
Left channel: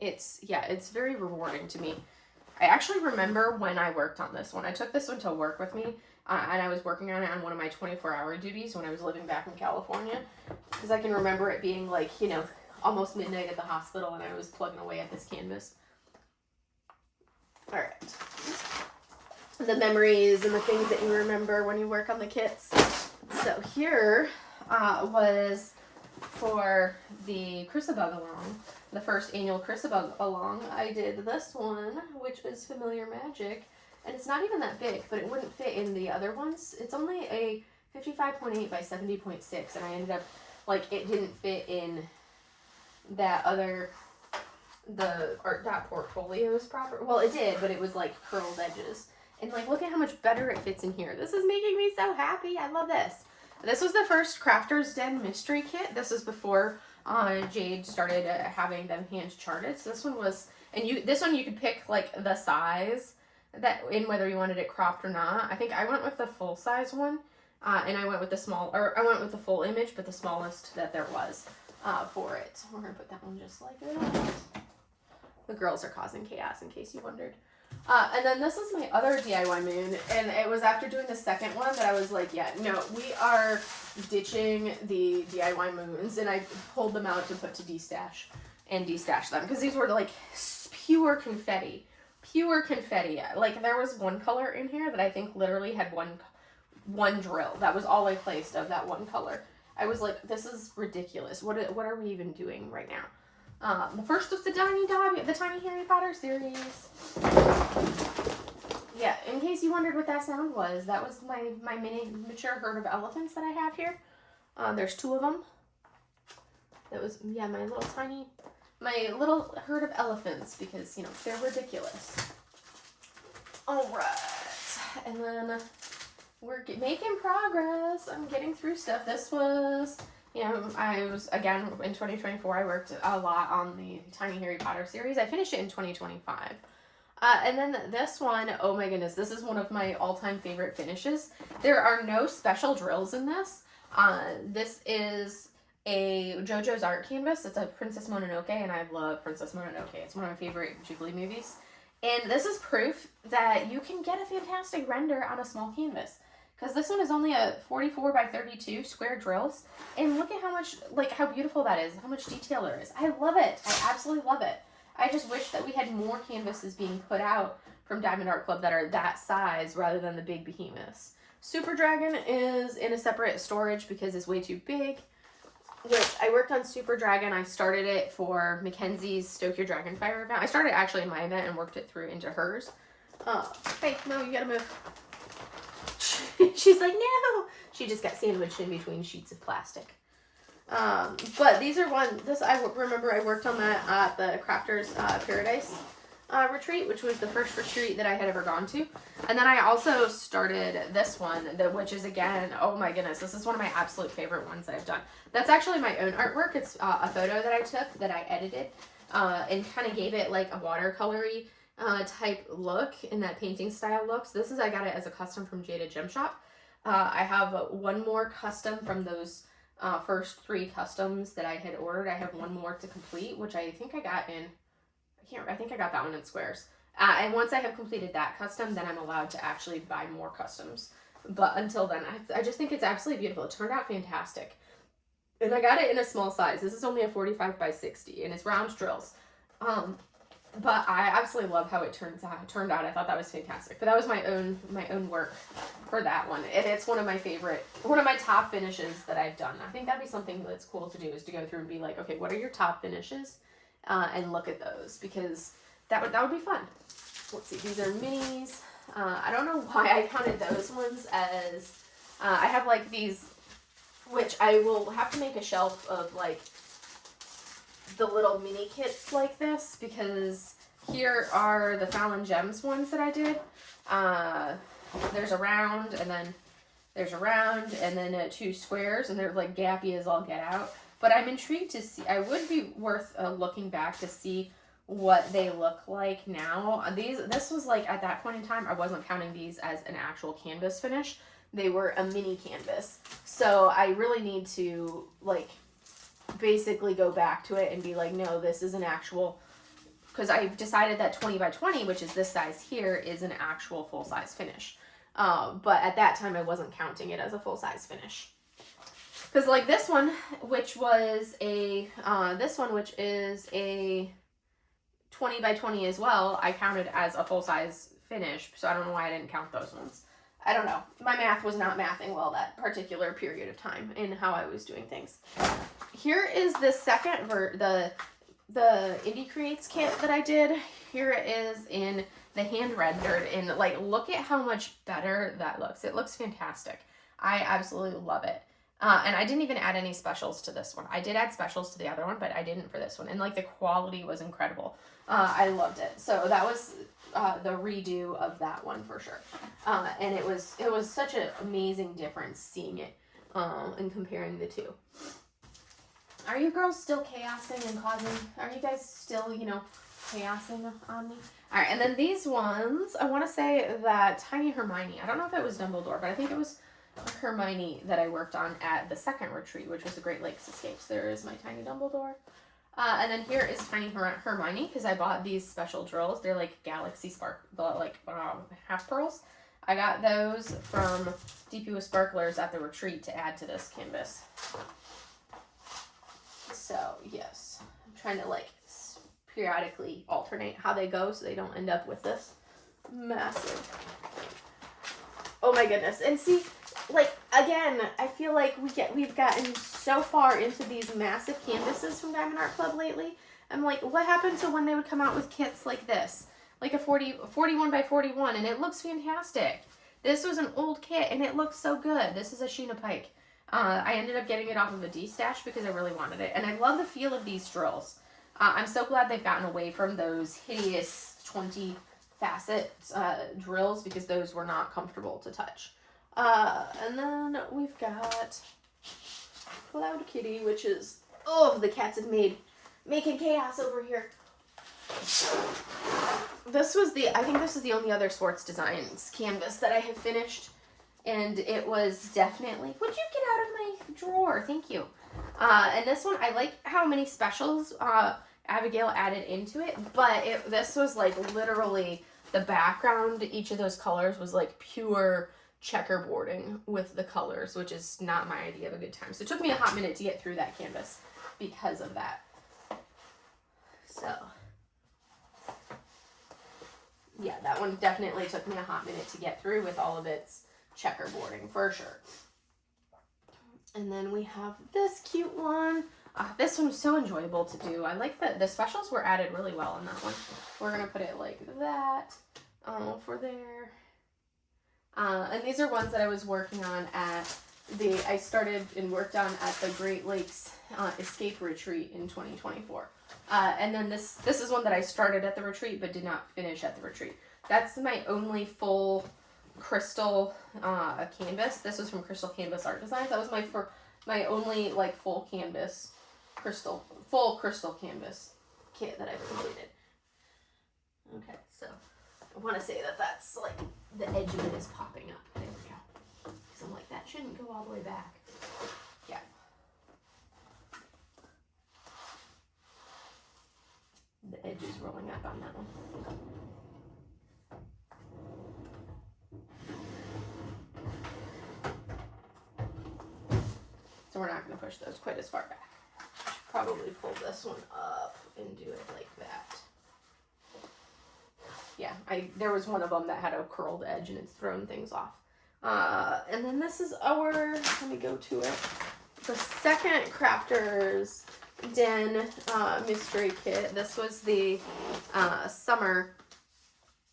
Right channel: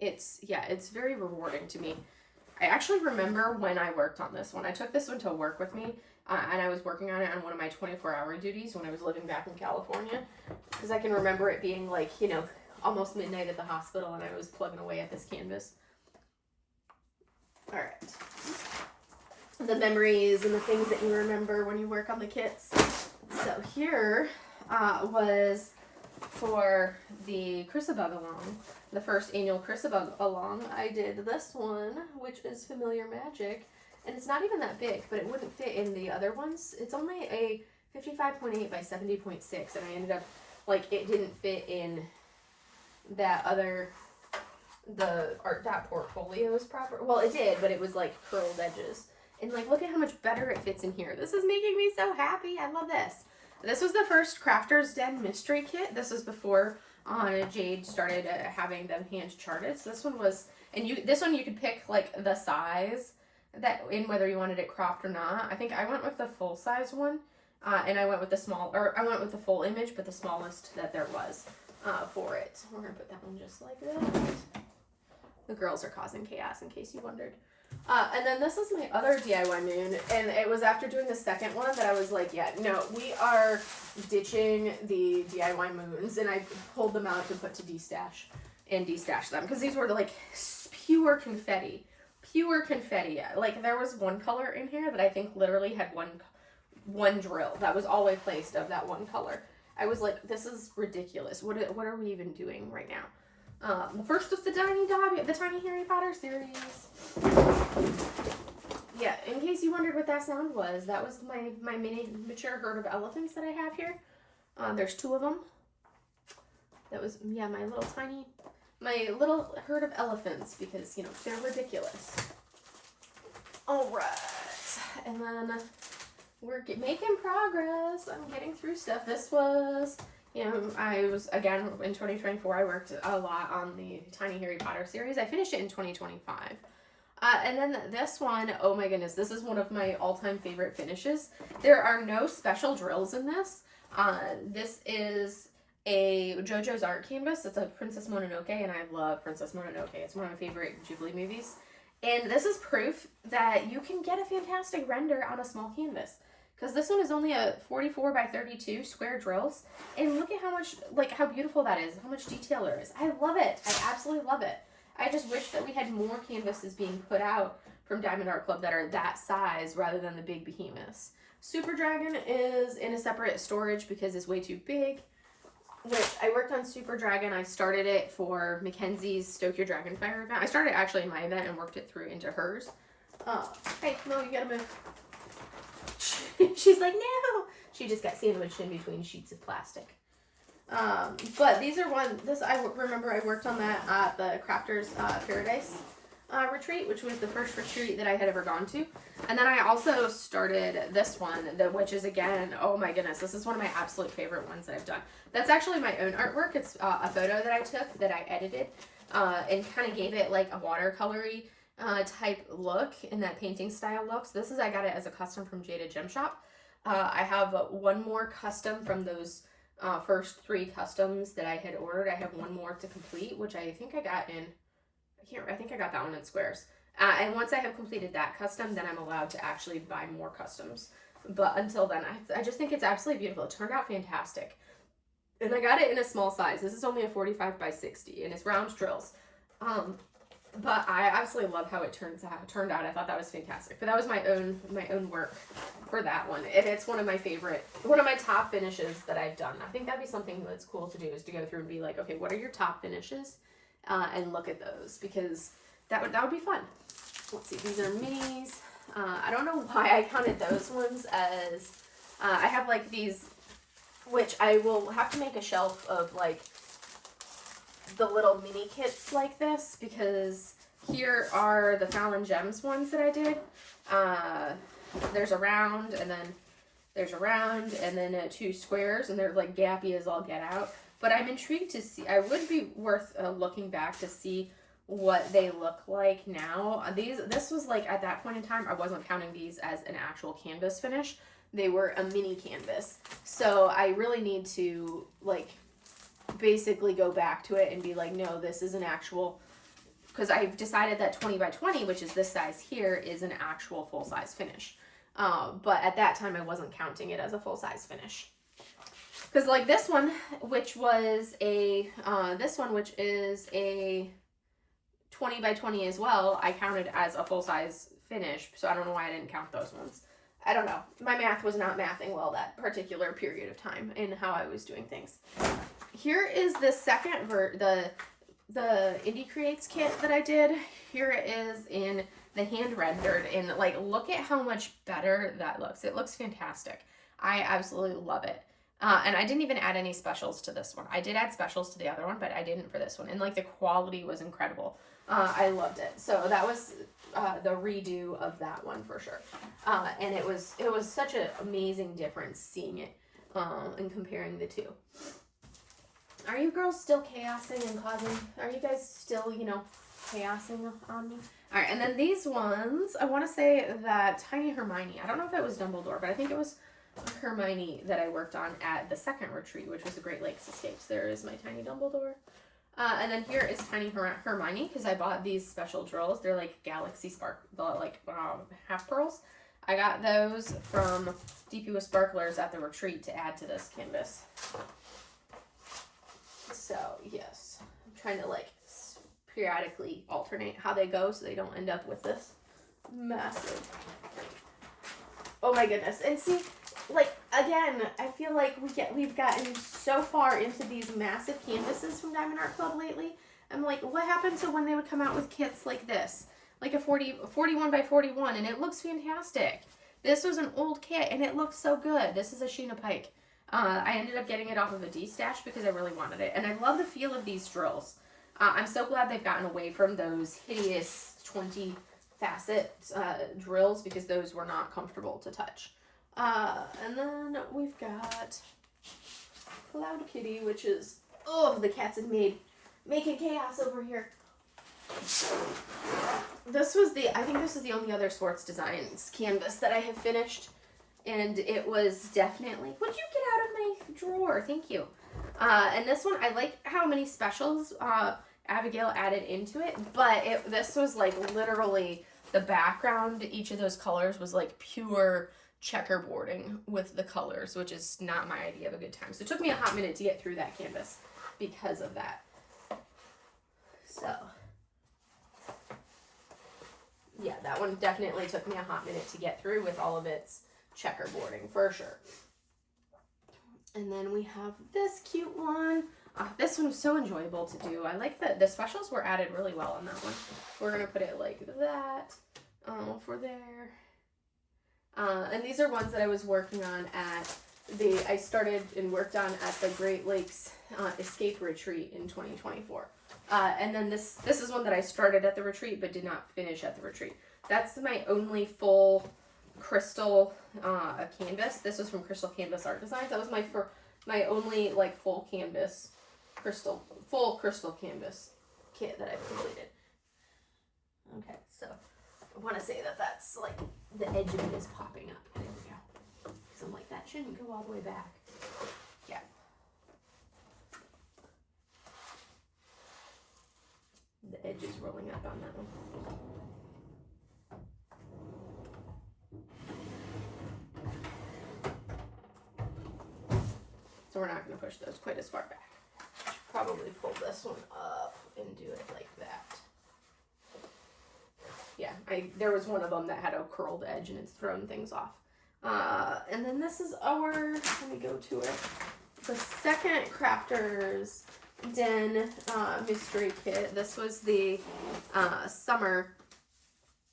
It's very rewarding to me. I actually remember when I worked on this one. I took this one to work with me, and I was working on it on one of my 24-hour duties when I was living back in California, because I can remember it being like, you know, almost midnight at the hospital, and I was plugging away at this canvas. All right. The memories and the things that you remember when you work on the kits. So here was for the Chrysabug along, the first annual Chrysabug along. I did this one, which is Familiar Magic, and it's not even that big, but it wouldn't fit in the other ones. It's only a 55.8 by 70.6, and I ended up, like, it didn't fit in that other, the art dot portfolios proper. Well, it did, but it was like curled edges. And like, look at how much better it fits in here. This is making me so happy. I love this. This was the first Crafter's Den mystery kit. This is before Jade started having them hand charted. So this one was, and this one you could pick like the size that in whether you wanted it cropped or not. I think I went with the full size one, and I went with I went with the full image, but the smallest that there was for it. We're gonna put that one just like that. The girls are causing chaos, in case you wondered. And then this is my other DIY moon, and it was after doing the second one that I was like, yeah, no, we are ditching the DIY moons, and I pulled them out to put to destash and destash them, because these were like pure confetti. Like, there was one color in here that I think literally had one drill. That was all I placed of that one color. I was like, this is ridiculous. What are we even doing right now? The first was the Tiny Harry Potter series. Yeah, in case you wondered what that sound was, that was my miniature herd of elephants that I have here. There's two of them. That was, yeah, my little herd of elephants, because, you know, they're ridiculous. All right, and then we're making progress. I'm getting through stuff. This was, you know, I was, again, in 2024, I worked a lot on the Tiny Harry Potter series. I finished it in 2025. And then this one, oh my goodness, this is one of my all-time favorite finishes. There are no special drills in this. This is a JoJo's art canvas. It's a Princess Mononoke, and I love Princess Mononoke. It's one of my favorite Ghibli movies. And this is proof that you can get a fantastic render on a small canvas. Because this one is only a 44 by 32 square drills. And look at how much, like, how beautiful that is. How much detail there is. I love it. I absolutely love it. I just wish that we had more canvases being put out from Diamond Art Club that are that size rather than the big behemoths. Super Dragon is in a separate storage because it's way too big. Which, I worked on Super Dragon. I started it for Mackenzie's Stoke Your Dragonfire event. I started actually in my event and worked it through into hers. Hey, no, you gotta move. She's like, no! She just got sandwiched in between sheets of plastic. But these are I remember I worked on that at the Crafters Paradise retreat, which was the first retreat that I had ever gone to. And then I also started this one, which is, again, oh my goodness, this is one of my absolute favorite ones that I've done. That's actually my own artwork. It's a photo that I took that I edited and kind of gave it like a watercolory type look in that painting style look. So I got it as a custom from Jada Gem Shop. I have one more custom from those first 3 customs that I had ordered. I have one more to complete, which I think I got in, I think I got that one in Squares. And once I have completed that custom, then I'm allowed to actually buy more customs But until then, I just think it's absolutely beautiful. It turned out fantastic. And I got it in a small size. This is only a 45 by 60, and it's round drills. But I absolutely love how it turned out. I thought that was fantastic. But that was my own work for that one, and it's one of my top finishes that I've done. I think that'd be something that's cool to do, is to go through and be like, okay, what are your top finishes, and look at those, because that would be fun. Let's see, these are minis. I don't know why I counted those ones as. I have like these, which I will have to make a shelf of like the little mini kits like this, because here are the Fallon Gems ones that I did. There's a round, and then there's a round, and then 2 squares, and they're like gappy as all get out. But I'm intrigued to see. I would be worth looking back to see what they look like now. This was like, at that point in time, I wasn't counting these as an actual canvas finish. They were a mini canvas. So I really need to like basically go back to it and be like, no, this is an actual, because I've decided that 20 by 20, which is this size here, is an actual full-size finish. But at that time, I wasn't counting it as a full-size finish. Because like this one, which is a 20 by 20 as well, I counted as a full-size finish. So I don't know why I didn't count those ones. I don't know. My math was not mathing well that particular period of time in how I was doing things. Here is the second the Indie Creates kit that I did. Here it is in the hand rendered, and like, look at how much better that looks. It looks fantastic. I absolutely love it. And I didn't even add any specials to this one. I did add specials to the other one, but I didn't for this one. And like, the quality was incredible. I loved it. So that was the redo of that one for sure. And it was such an amazing difference seeing it and comparing the two. Are you girls still chaosing and causing? Are you guys still, chaosing on me? All right, and then these ones, I want to say that Tiny Hermione, I don't know if it was Dumbledore, but I think it was Hermione that I worked on at the second retreat, which was the Great Lakes Escapes. There is my Tiny Dumbledore. And then here is Tiny Hermione, because I bought these special drills. They're like Galaxy half pearls. I got those from DP with Sparklers at the retreat to add to this canvas. So, yes, I'm trying to like periodically alternate how they go so they don't end up with this massive. Oh my goodness. And see, like, again, I feel like we've gotten so far into these massive canvases from Diamond Art Club lately. I'm like, what happened to when they would come out with kits like this? Like a 41 by 41, and it looks fantastic. This was an old kit, and it looks so good. This is a Sheena Pike. I ended up getting it off of a D-stash because I really wanted it. And I love the feel of these drills. I'm so glad they've gotten away from those hideous 20 facet drills, because those were not comfortable to touch. And then we've got Cloud Kitty, which is, oh, the cats have making chaos over here. I think this is the only other Swartz Designs canvas that I have finished. And it was definitely, would you get out of my drawer? Thank you. And this one, I like how many specials Abigail added into it, but this was like literally the background, each of those colors was like pure checkerboarding with the colors, which is not my idea of a good time. So it took me a hot minute to get through that canvas because of that. So, yeah, that one definitely took me a hot minute to get through with all of its checkerboarding for sure. And then we have this cute one. This one was so enjoyable to do. I like that the specials were added really well on that one. We're gonna put it like that for there. And these are ones that I was working on I started and worked on at the Great Lakes Escape Retreat in 2024. And then this is one that I started at the retreat but did not finish at the retreat. That's my only full crystal canvas. This was from Crystal Canvas Art Designs. That was my only like full crystal canvas kit that I've completed. Okay, so I want to say that that's like the edge of it is popping up. There we go. So I'm like, that shouldn't go all the way back. Yeah. The edge is rolling up on that one. So we're not going to push those quite as far back. Probably pull this one up and do it like that. Yeah, there was one of them that had a curled edge and it's thrown things off. And then this is our, let me go to it, the second Crafters Den mystery kit. This was the summer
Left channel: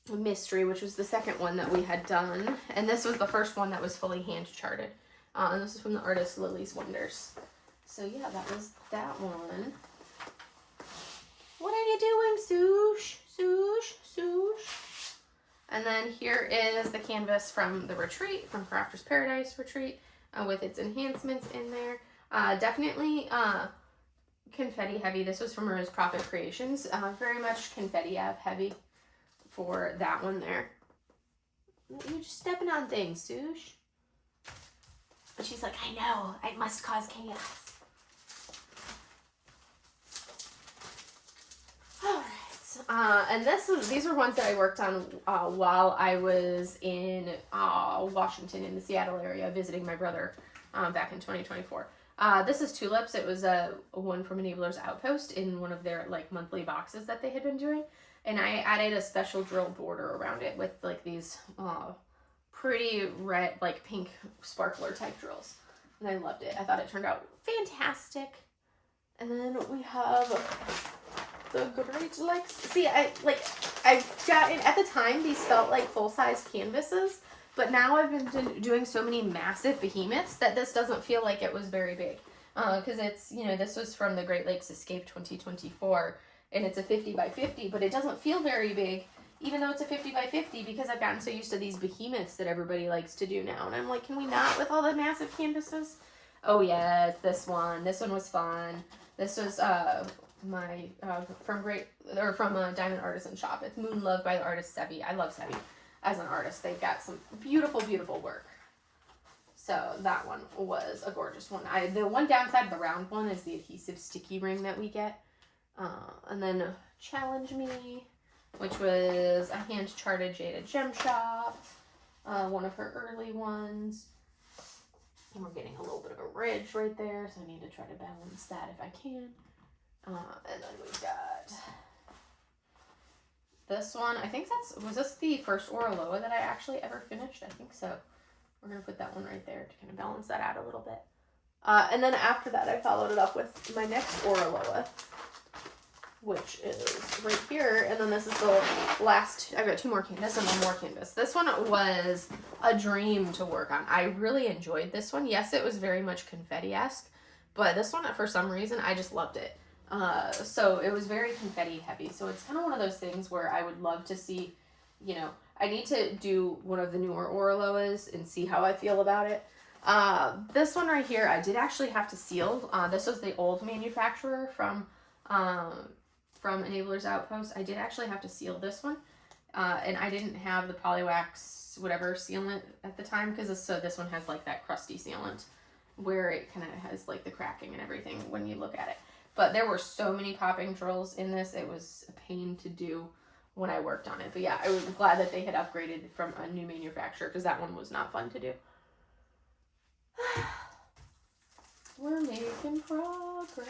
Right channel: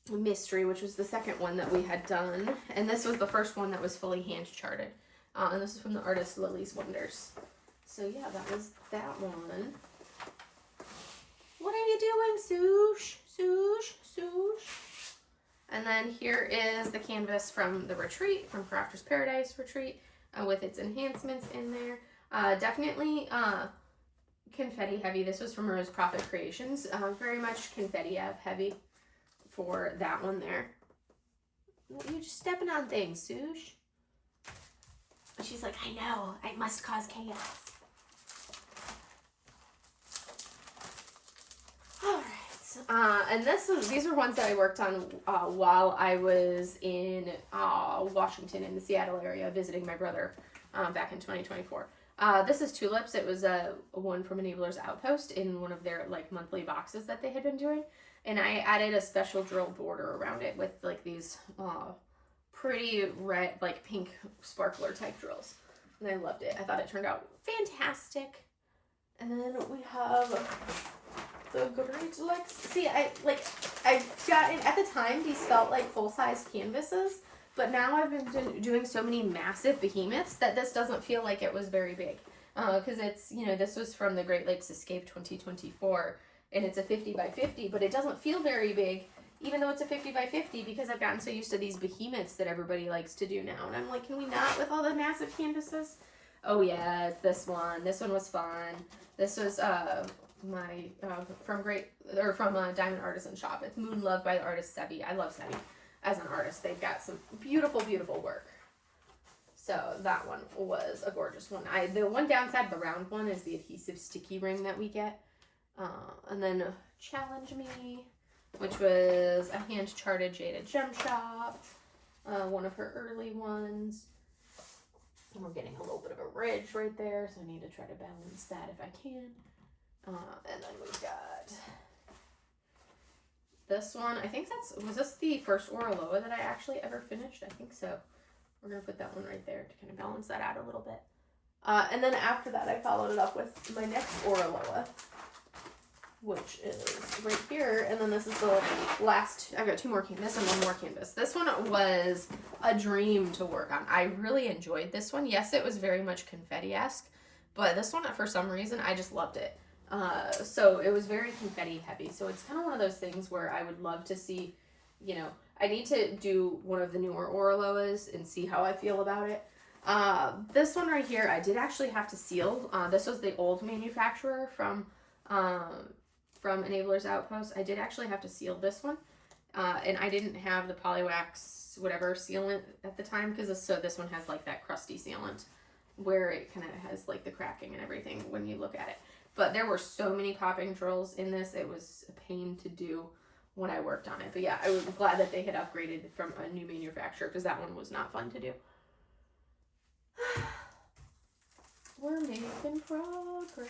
mystery, which was the second one that we had done. And this was the first one that was fully hand charted. And this is from the artist Lily's Wonders. So yeah, that was that one. What are you doing, Sush? Sush? Sush? And then here is the canvas from the retreat, from Crafters Paradise Retreat, with its enhancements in there. Definitely confetti heavy. This was from Rose Profit Creations. Very much confetti heavy for that one there. You're just stepping on things, Sush. But she's like, I know, I must cause chaos. Alright, and these are ones that I worked on while I was in Washington, in the Seattle area, visiting my brother back in 2024. This is Tulips. It was one from Enabler's Outpost in one of their like monthly boxes that they had been doing. And I added a special drill border around it with like these pretty red, like pink sparkler type drills. And I loved it. I thought it turned out fantastic. And then we have the Great Lakes. See, I've gotten, at the time, these felt like full-size canvases. But now I've been doing so many massive behemoths that this doesn't feel like it was very big. Because it's, you know, this was from the Great Lakes Escape 2024. And it's a 50 by 50, but it doesn't feel very big, even though it's a 50 by 50, because I've gotten so used to these behemoths that everybody likes to do now. And I'm like, can we not with all the massive canvases? Oh yeah, it's this one. This one was fun. This was from Diamond Artisan Shop. It's Moon Love by the artist Sebi. I love Sebi as an artist. They've got some beautiful, beautiful work. So that one was a gorgeous one. The one downside of the round one is the adhesive sticky ring that we get. And then Challenge Me, which was a hand-charted Jada Gem Shop, one of her early ones. And we're getting a little bit of a ridge right there, so I need to try to balance that if I can. And then we've got this one. I think was this the first Oraloa that I actually ever finished? I think so. We're going to put that one right there to kind of balance that out a little bit. And then after that, I followed it up with my next Oraloa, which is right here. And then this is the last, I've got two more canvas and one more canvas. This one was a dream to work on. I really enjoyed this one. Yes, it was very much confetti-esque, but this one, for some reason, I just loved it. So it was very confetti heavy. So it's kind of one of those things where I would love to see, you know, I need to do one of the newer Oraloas and see how I feel about it. This one right here, I did actually have to seal. This was the old manufacturer from Enabler's Outpost. I did actually have to seal this one. And I didn't have the Polywax whatever sealant at the time, because this one has like that crusty sealant where it kind of has like the cracking and everything when you look at it. But there were so many popping drills in this, it was a pain to do when I worked on it. But yeah, I was glad that they had upgraded from a new manufacturer, because that one was not fun to do. We're making progress.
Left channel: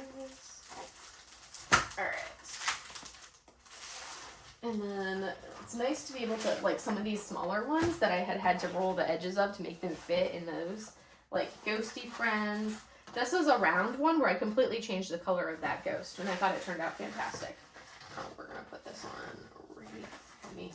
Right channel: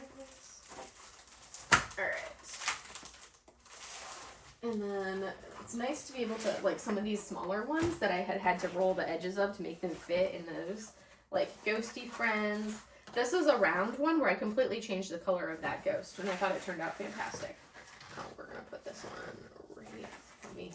Alright. And then it's nice to be able to, like, some of these smaller ones that I had to roll the edges of to make them fit in those, like, Ghosty Friends. This was a round one where I completely changed the color of that ghost, and I thought it turned out fantastic. We're going to put this on right for me.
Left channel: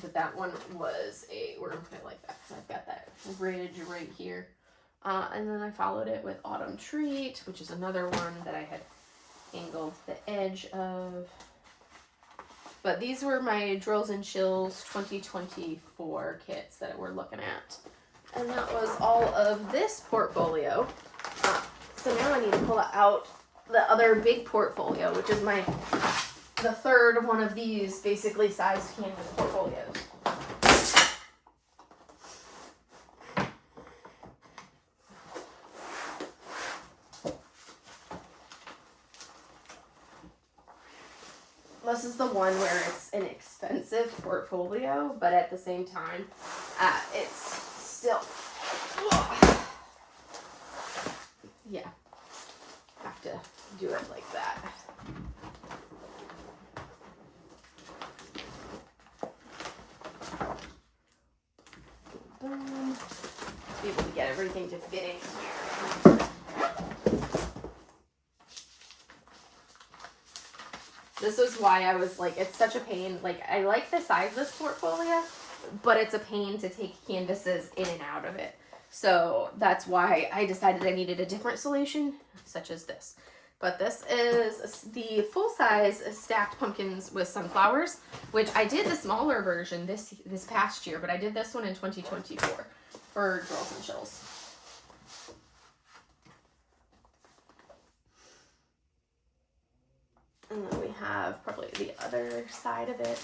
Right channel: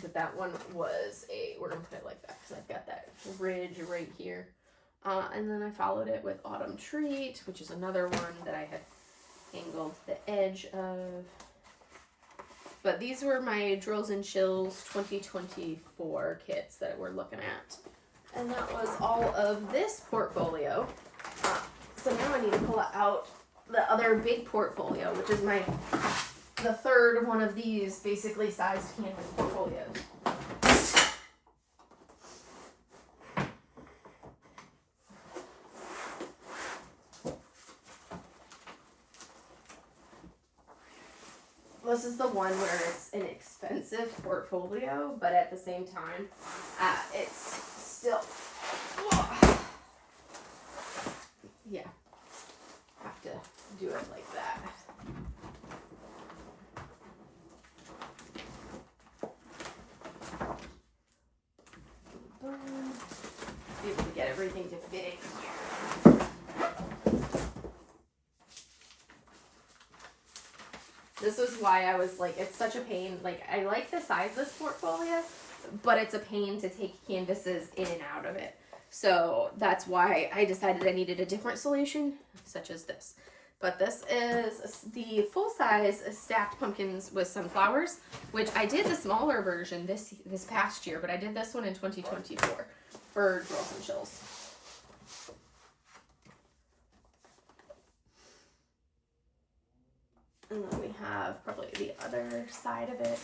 But that one was we're going to put it like that, because I've got that ridge right here. And then I followed it with Autumn Treat, which is another one that I had angled the edge of. But these were my Drills and Chills 2024 kits that we're looking at. And that was all of this portfolio. So now I need to pull out the other big portfolio, which is the third one of these basically sized canvas portfolios. this is the one where it's an expensive portfolio, but at the same time, it's still, yeah, have to do it like that. Boom. Be able to get everything to fit in here. This is why I was like, it's such a pain. Like, I like the size of this portfolio, but it's a pain to take canvases in and out of it. So that's why I decided I needed a different solution, such as this. But this is the full-size stacked pumpkins with sunflowers, which I did the smaller version this past year, but I did this one in 2024 for Drills and Chills. And then we have probably the other side of it.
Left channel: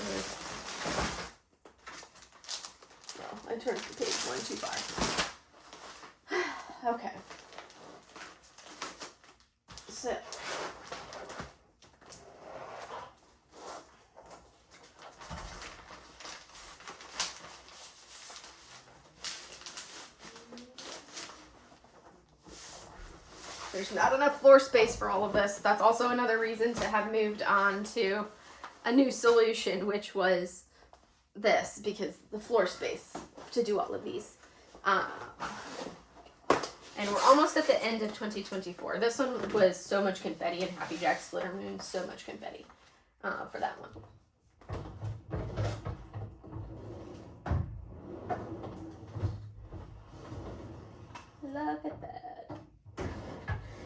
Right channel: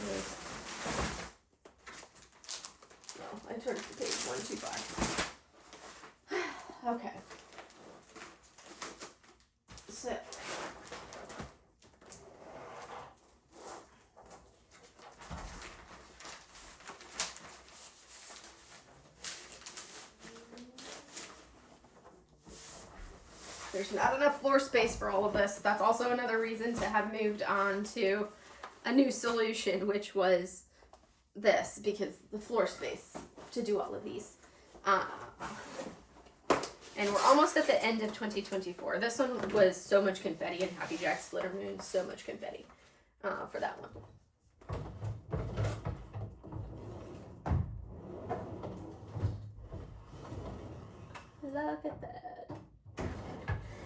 No, I turned to page 125. Okay. So. There's not enough floor space for all of this. That's also another reason to have moved on to a new solution, which was this, because the floor space to do all of these. And we're almost at the end of 2024. This one was so much confetti, and Happy Jack Splitter Moon, so much confetti for that one. Look at that.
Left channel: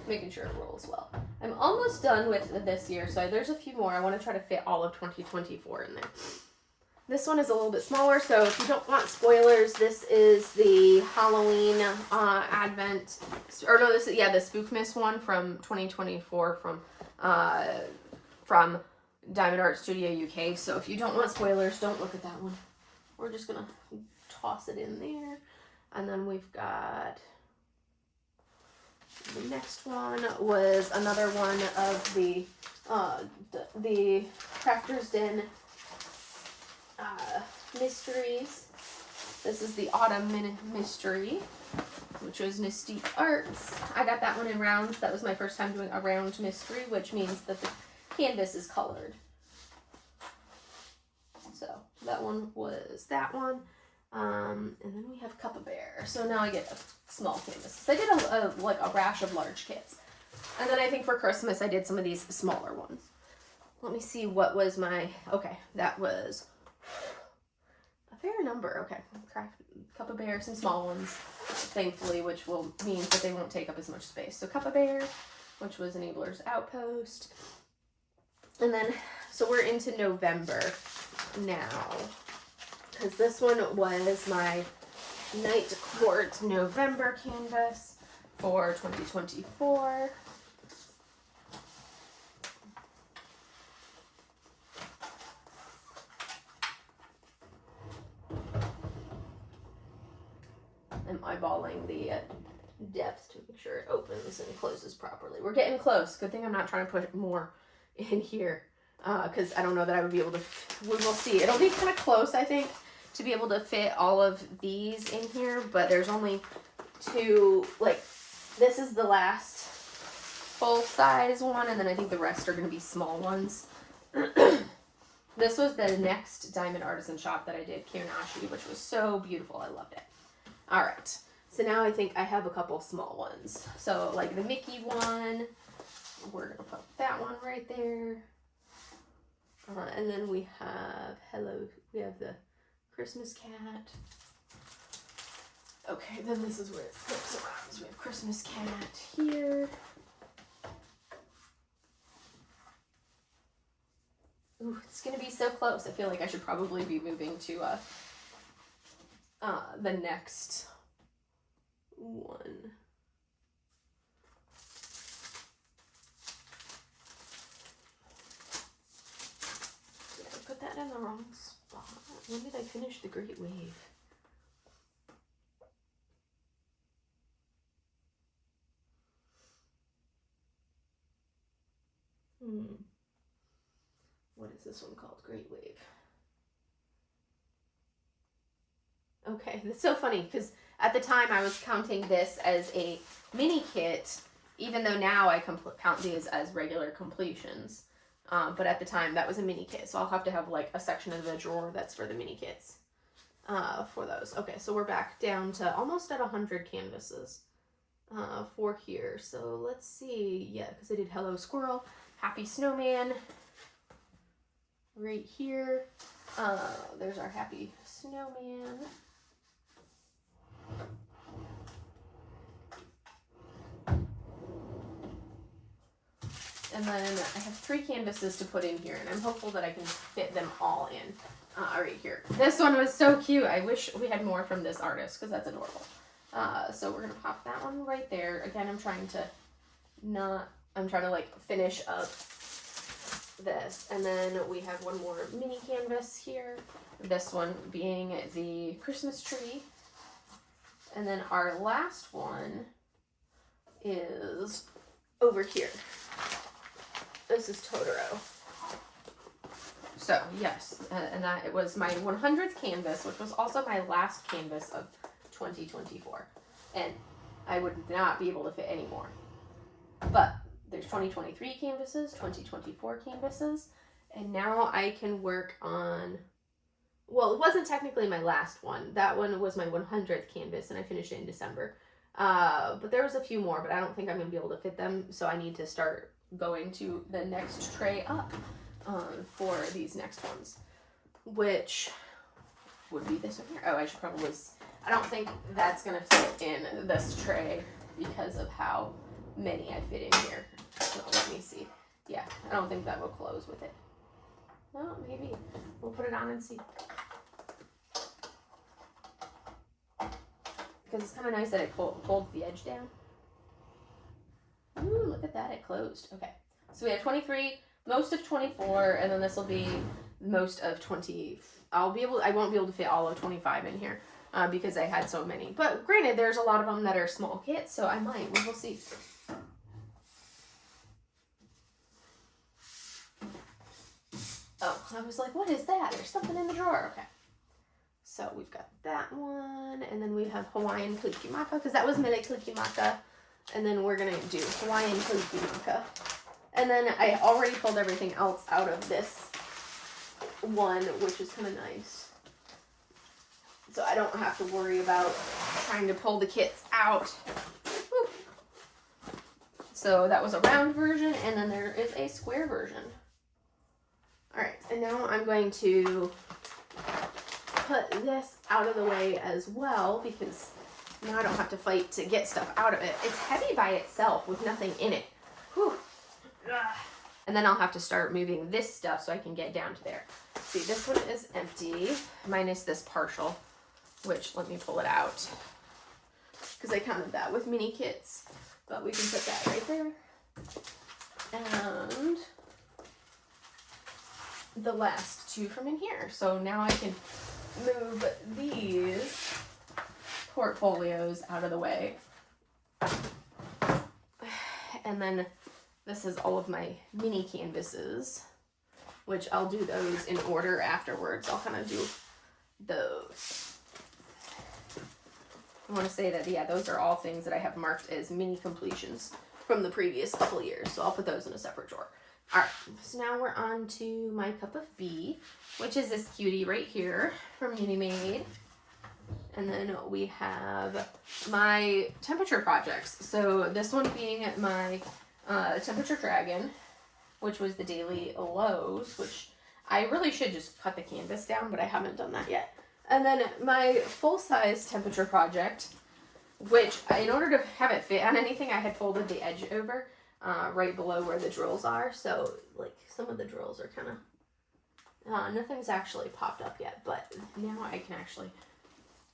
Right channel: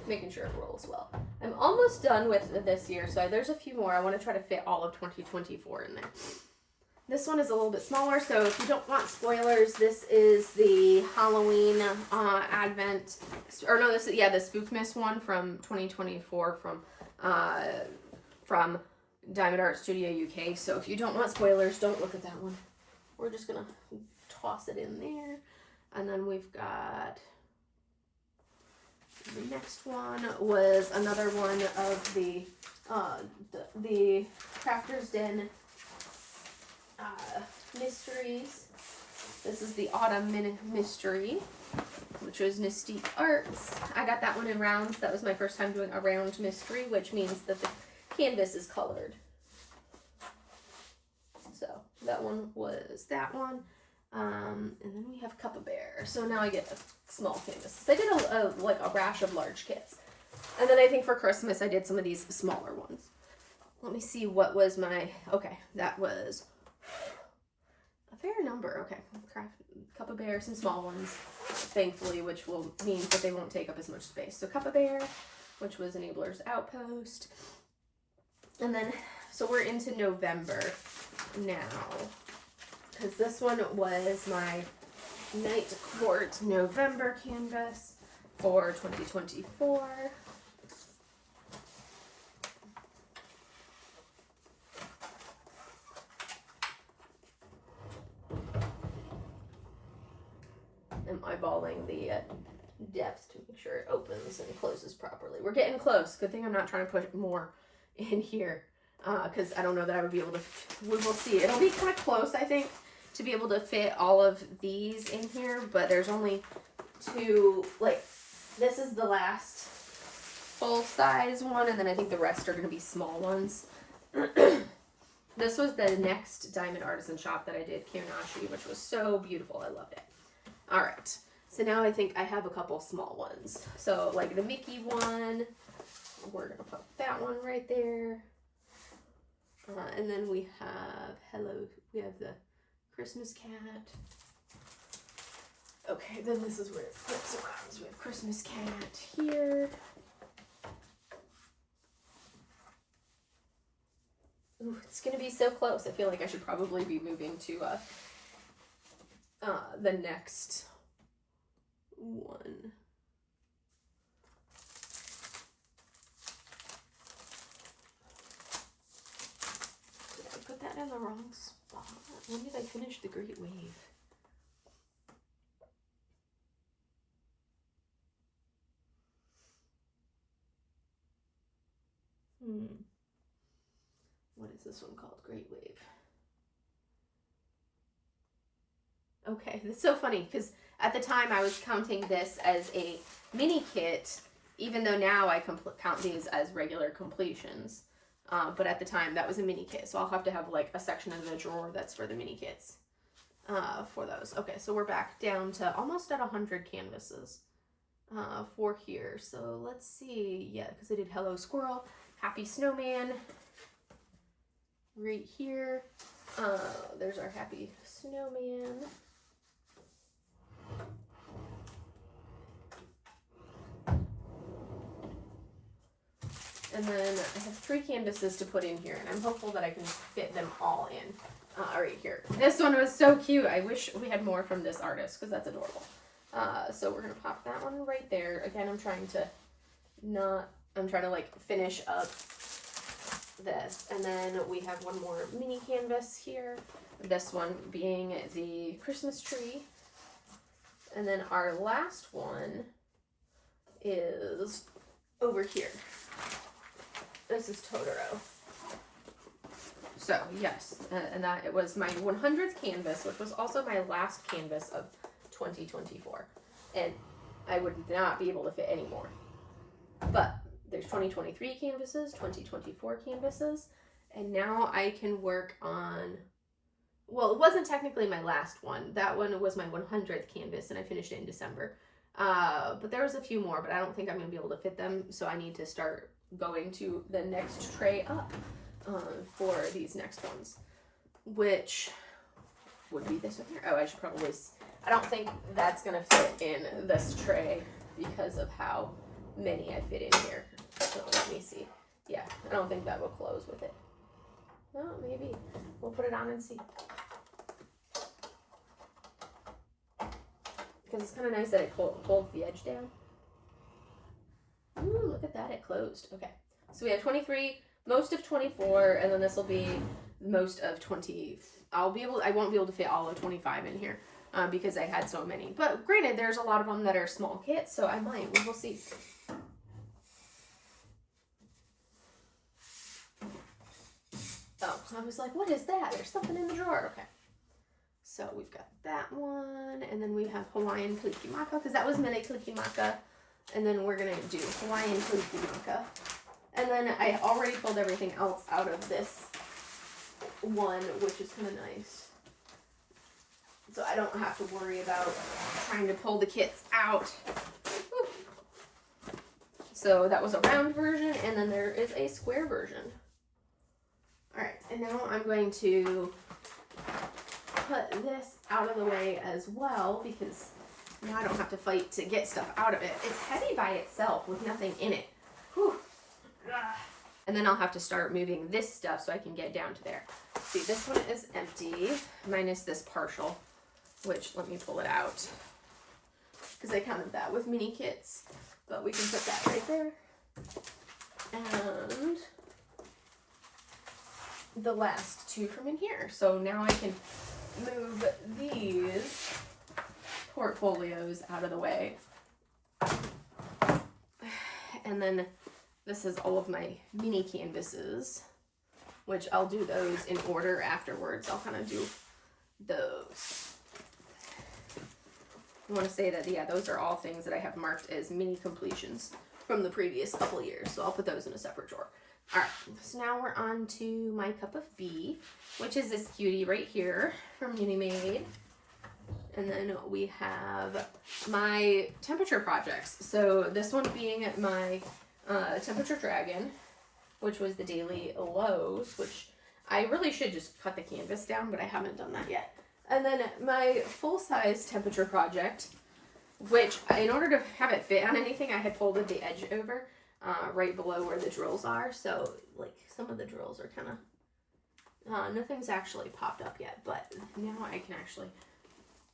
Making sure it rolls well. I'm almost done with this year, so there's a few more. I want to try to fit all of 2024 in there. This one is a little bit smaller, so if you don't want spoilers, this is the Halloween Advent, or no, this is, yeah, the Spookmas one from 2024 from Diamond Art Studio UK. So if you don't want spoilers, don't look at that one. We're just gonna toss it in there. And then we've got, the next one was another one of the Crafter's Den mysteries. This is the Autumn Mystery, which was Mystique Arts. I got that one in rounds. That was my first time doing a round mystery, which means that the canvas is colored. So that one was that one. And then we have Cup of Bear. So now I get a small canvas. So I did like a rash of large kits. And then I think for Christmas I did some of these smaller ones. Let me see what was my, okay, that was a fair number. Okay, Cup of Bear, some small ones, thankfully, which will mean that they won't take up as much space. So Cup of Bear, which was Enabler's Outpost. And then, so we're into November now, because this one was my Night Court November canvas for 2024. I'm eyeballing the depth to make sure it opens and closes properly. We're getting close. Good thing I'm not trying to put more in here, because I don't know that I would be able to, we will see. It'll be kind of close, I think, to be able to fit all of these in here, but there's only two, like, this is the last full-size one, and then I think the rest are going to be small ones. This was the next Diamond Artisan shop that I did, Kirinashi, which was so beautiful. I loved it. All right, so now I think I have a couple small ones. So like the Mickey one, we're gonna put that one right there. And then we have, we have the Christmas cat. Okay, then this is where it flips around. So we have Christmas cat here. Ooh, it's gonna be so close. I feel like I should probably be moving to the next one. Did I put that in the wrong spot? When did I finish the Great Wave? what is this one called? Great Wave. Okay, that's so funny because at the time I was counting this as a mini kit, even though now I count these as regular completions. But at the time that was a mini kit, so I'll have to have like a section of the drawer that's for the mini kits for those. Okay, so we're back down to almost at 100 canvases for here. So let's see, yeah, because I did Hello Squirrel, Happy Snowman right here. There's our Happy Snowman. And then I have 3 canvases to put in here, and I'm hopeful that I can fit them all in right here. This one was so cute. I wish we had more from this artist because that's adorable. So we're going to pop that one right there. Again, I'm trying to like finish up this. And then we have one more mini canvas here. This one being the Christmas tree. And then our last one is over here. This is Totoro. So yes, and that it was my 100th canvas, which was also my last canvas of 2024. And I would not be able to fit any more. But there's 2023 canvases, 2024 canvases, and now I can work on, well, it wasn't technically my last one. That one was my 100th canvas, and I finished it in December. But there was a few more, but I don't think I'm going to be able to fit them, so I need to start going to the next tray up for these next ones, which would be this one here. Oh, I should probably, I don't think that's going to fit in this tray because of how many I fit in here. So let me see. Yeah, I don't think that will close with it. No, maybe. We'll put it on and see. Because it's kind of nice that it holds the edge down. Ooh, look at that, it closed. Okay, so we have 23, most of 24, and then this will be most of 20. I won't be able to fit all of 25 in here because I had so many. But granted, there's a lot of them that are small kits, so I might. We will see. Oh, I was like, what is that? There's something in the drawer. Okay. So we've got that one, and then we have Hawaiian Kalikimaka, because that was Mele Kalikimaka. And then we're going to do Hawaiian Kalikimaka. And then I already pulled everything else out of this one, which is kind of nice. So I don't have to worry about trying to pull the kits out. Woo. So that was a round version, and then there is a square version. Alright, and now I'm going to put this out of the way as well, because now I don't have to fight to get stuff out of it. It's heavy by itself with nothing in it. Whew. And then I'll have to start moving this stuff so I can get down to there. See, this one is empty, minus this partial, which, let me pull it out, because I counted that with mini kits. But we can put that right there. And the last 2 from in here. So now I can move these portfolios out of the way. And then this is all of my mini canvases, which I'll do those in order afterwards. I'll kind of do those. I want to say that, yeah, those are all things that I have marked as mini completions from the previous couple years. So I'll put those in a separate drawer. All right, so now we're on to my cup of bee, which is this cutie right here from Uni Made. And then we have my temperature projects. So this one being my temperature dragon, which was the daily lows, which I really should just cut the canvas down, but I haven't done that yet. And then my full-size temperature project, which in order to have it fit on anything, I had folded the edge over right below where the drills are. So like some of the drills are kind of, nothing's actually popped up yet, but now I can actually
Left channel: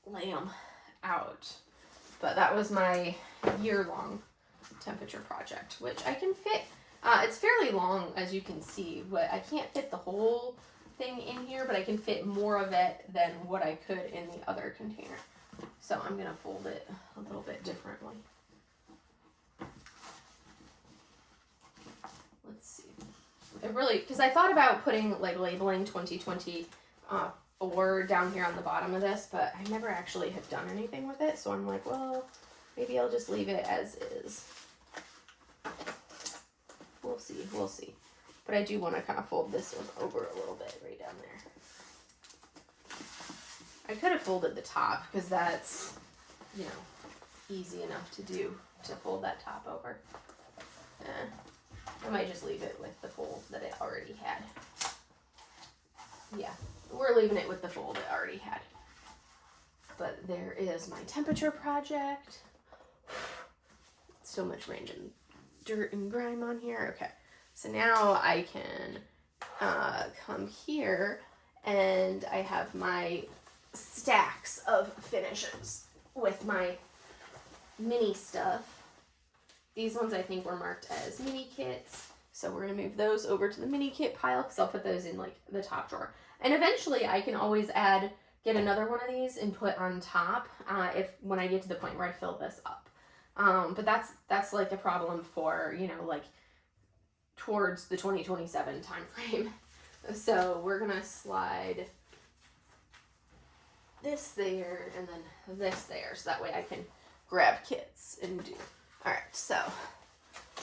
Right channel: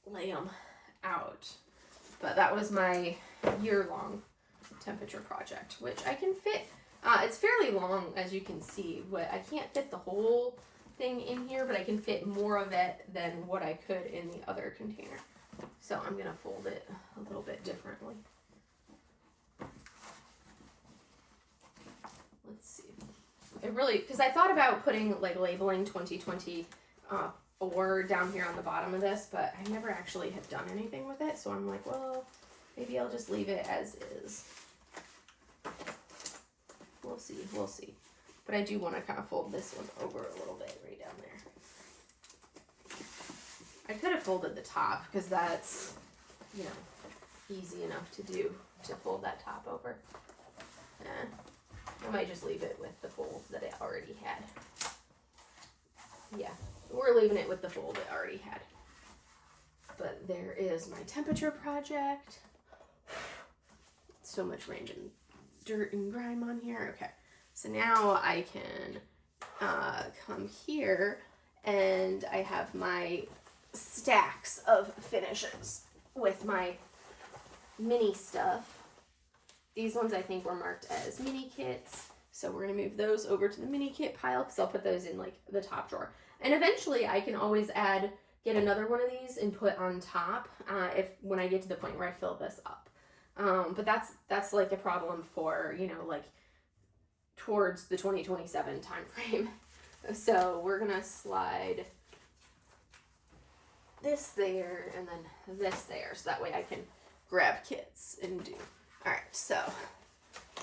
lay them out. But that was my year-long temperature project, which I can fit. It's fairly long, as you can see. I can't fit the whole thing in here, but I can fit more of it than what I could in the other container. So I'm going to fold it a little bit differently. Let's see. it really, because I thought about putting, like, labeling 2024 down here on the bottom of this, but I never actually have done anything with it, so I'm like, well, maybe I'll just leave it as is. We'll see, we'll see. But I do want to kind of fold this one over a little bit right down there. I could have folded the top, because that's, you know, easy enough to do, to fold that top over. I might just leave it with the fold that it already had. Yeah, we're leaving it with the fold it already had. But there is my temperature project. So much rain and dirt and grime on here. Okay, so now I can come here and I have my stacks of finishes with my mini stuff. These ones I think were marked as mini kits, so we're going to move those over to the mini kit pile because I'll put those in like the top drawer. And eventually I can always get another one of these and put on top when I get to the point where I fill this up. But that's like a problem for, you know, like towards the 2027 time frame. So we're going to slide this there and then this there, so that way I can grab kits and do. All right, so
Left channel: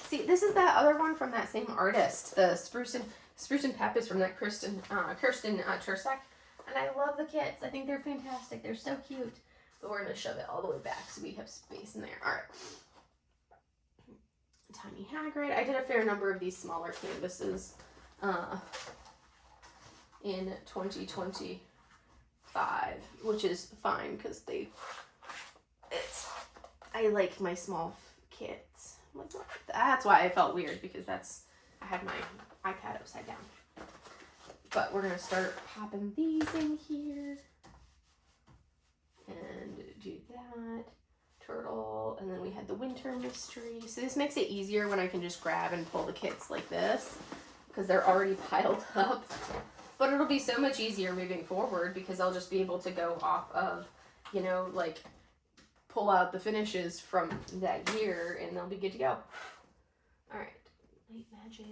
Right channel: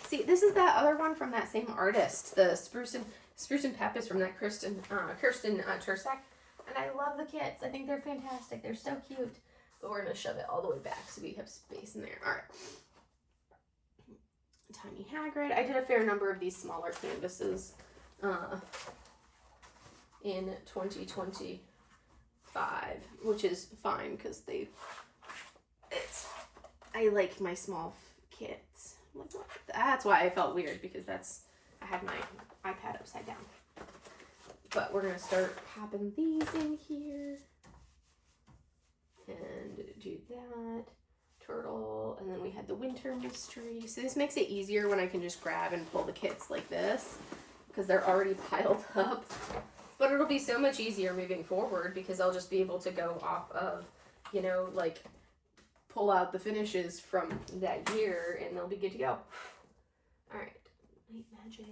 see, this is that other one from that same artist, the Spruce and Pep is from that Kirsten Tursak, and I love the kits. I think they're fantastic. They're so cute. But we're gonna shove it all the way back so we have space in there. All right. Tiny Hagrid. I did a fair number of these smaller canvases in 2025, which is fine because I like my small kits. That's why I felt weird, because I had my iPad upside down. But we're gonna start popping these in here and do that. Turtle, and then we had the winter mystery. So this makes it easier when I can just grab and pull the kits like this, because they're already piled up. But it'll be so much easier moving forward because I'll just be able to go off of, you know, like pull out the finishes from that year and they'll be good to go. All right, light magic.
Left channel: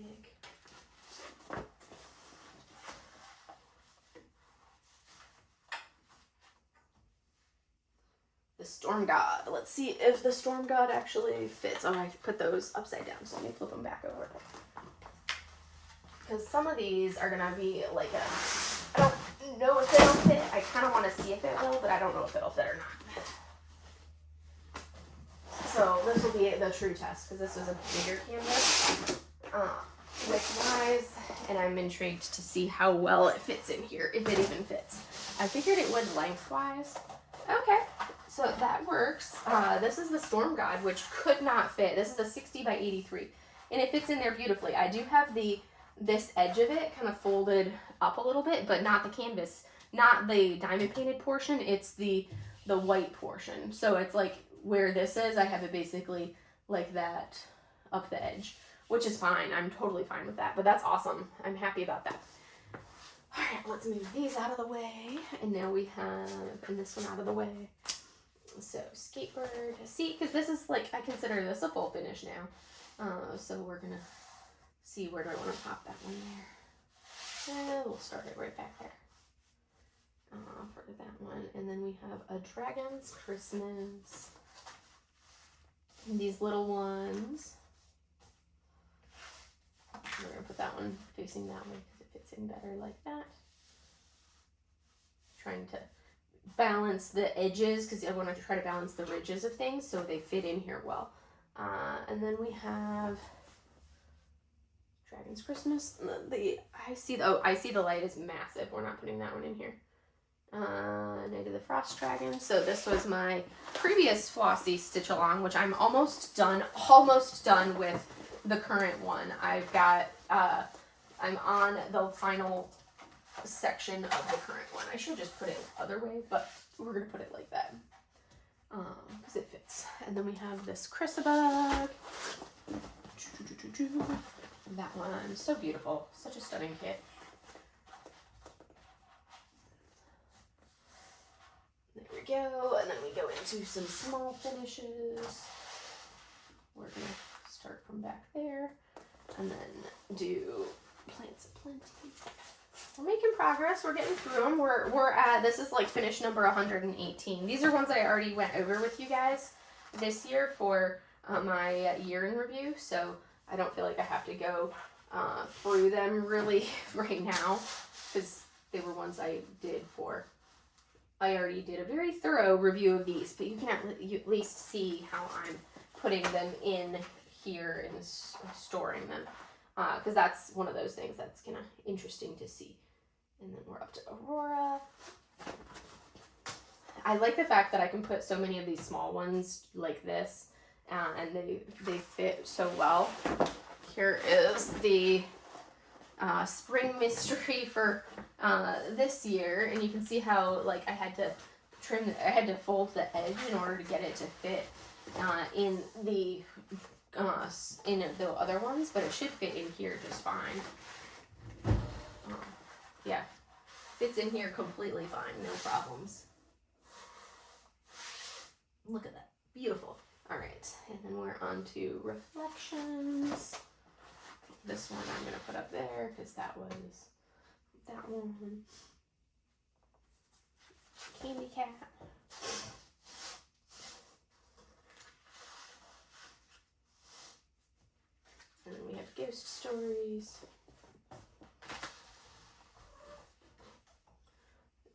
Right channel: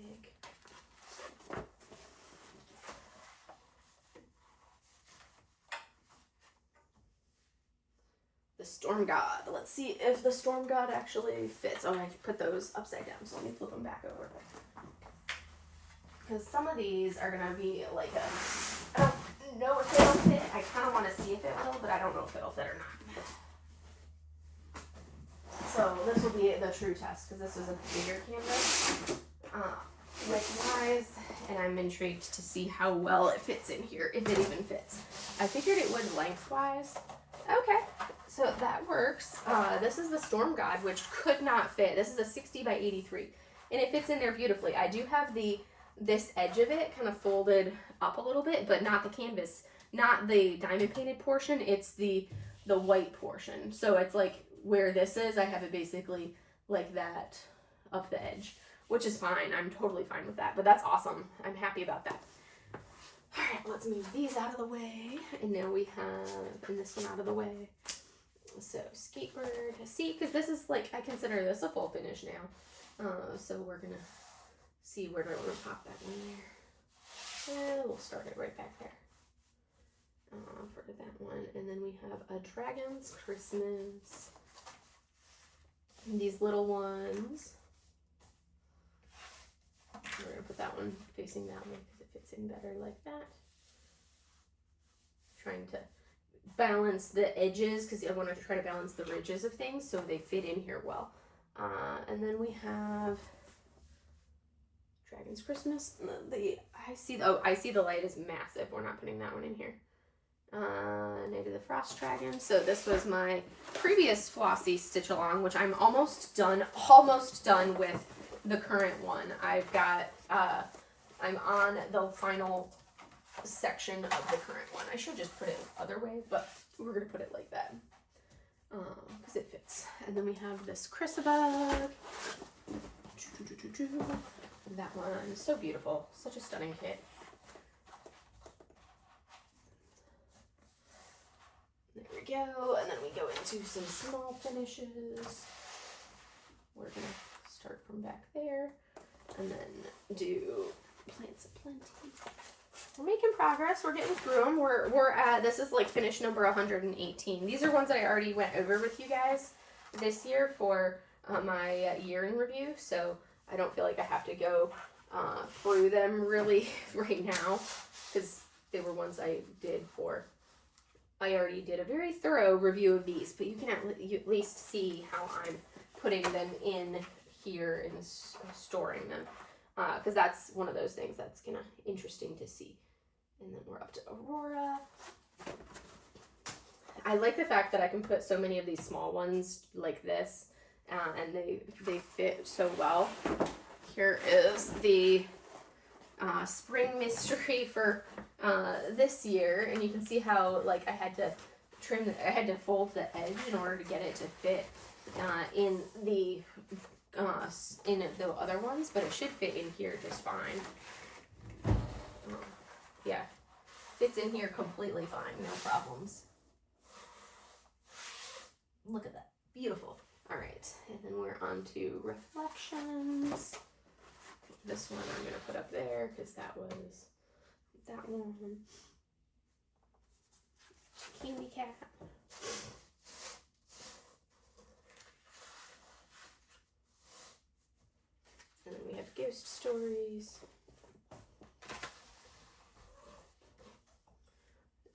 The Storm God. Let's see if the Storm God actually fits. Oh, I put those upside down, so let me flip them back over. Because some of these are going to be like I don't know if it'll fit. I kind of want to see if it will, but I don't know if it'll fit or not. So this will be the true test, because this is a bigger canvas width-wise, and I'm intrigued to see how well it fits in here, if it even fits. I figured it would lengthwise. Okay. So that works. This is the Storm God, which could not fit. This is a 60 by 83, and it fits in there beautifully. I do have this edge of it kind of folded up a little bit, but not the canvas, not the diamond painted portion. It's the white portion. So it's like where this is, I have it basically like that up the edge, which is fine. I'm totally fine with that, but that's awesome. I'm happy about that. All right, let's move these out of the way, and now we have this one out of the way. So skateboard, see, because this is like, I consider this a full finish now. So we're gonna see, where do I want to pop that one there? We'll start it right back there for that one. And then we have a Dragon's Christmas. And these little ones. We're gonna put that one facing that way because it fits in better like that. Trying to balance the edges because I want to try to balance the ridges of things so they fit in here well. And then we have Dragon's Christmas. I see the light is massive. We're not putting that one in here. Night of the Frost Dragon. So this was my previous Flossie stitch along, which I'm almost done with the current one. I've got I'm on the final section of the current one. I should just put it the other way, but we're gonna put it like that because it fits. And then we have this Chrysabug. That one, so beautiful, such a stunning kit. There we go, and then we go into some small finishes. We're gonna start from back there, and then do plenty. We're making progress. We're getting through them. We're at, this is like finish number 118. These are ones that I already went over with you guys this year for my year in review, so I don't feel like I have to go through them really right now, because they were ones I already did a very thorough review of these, but you can at least see how I'm putting them in here and storing them, because that's one of those things that's kind of interesting to see. And then we're up to Aurora. I like the fact that I can put so many of these small ones like this, and they fit so well. Here is the spring mystery for this year, and you can see how like I had to fold the edge in order to get it to fit in the other ones, but it should fit in here just fine. Yeah, fits in here completely fine, no problems. Look at that, beautiful. All right, and then we're on to reflections. This one I'm gonna put up there because that was that one. Candy cat. And then we have ghost stories.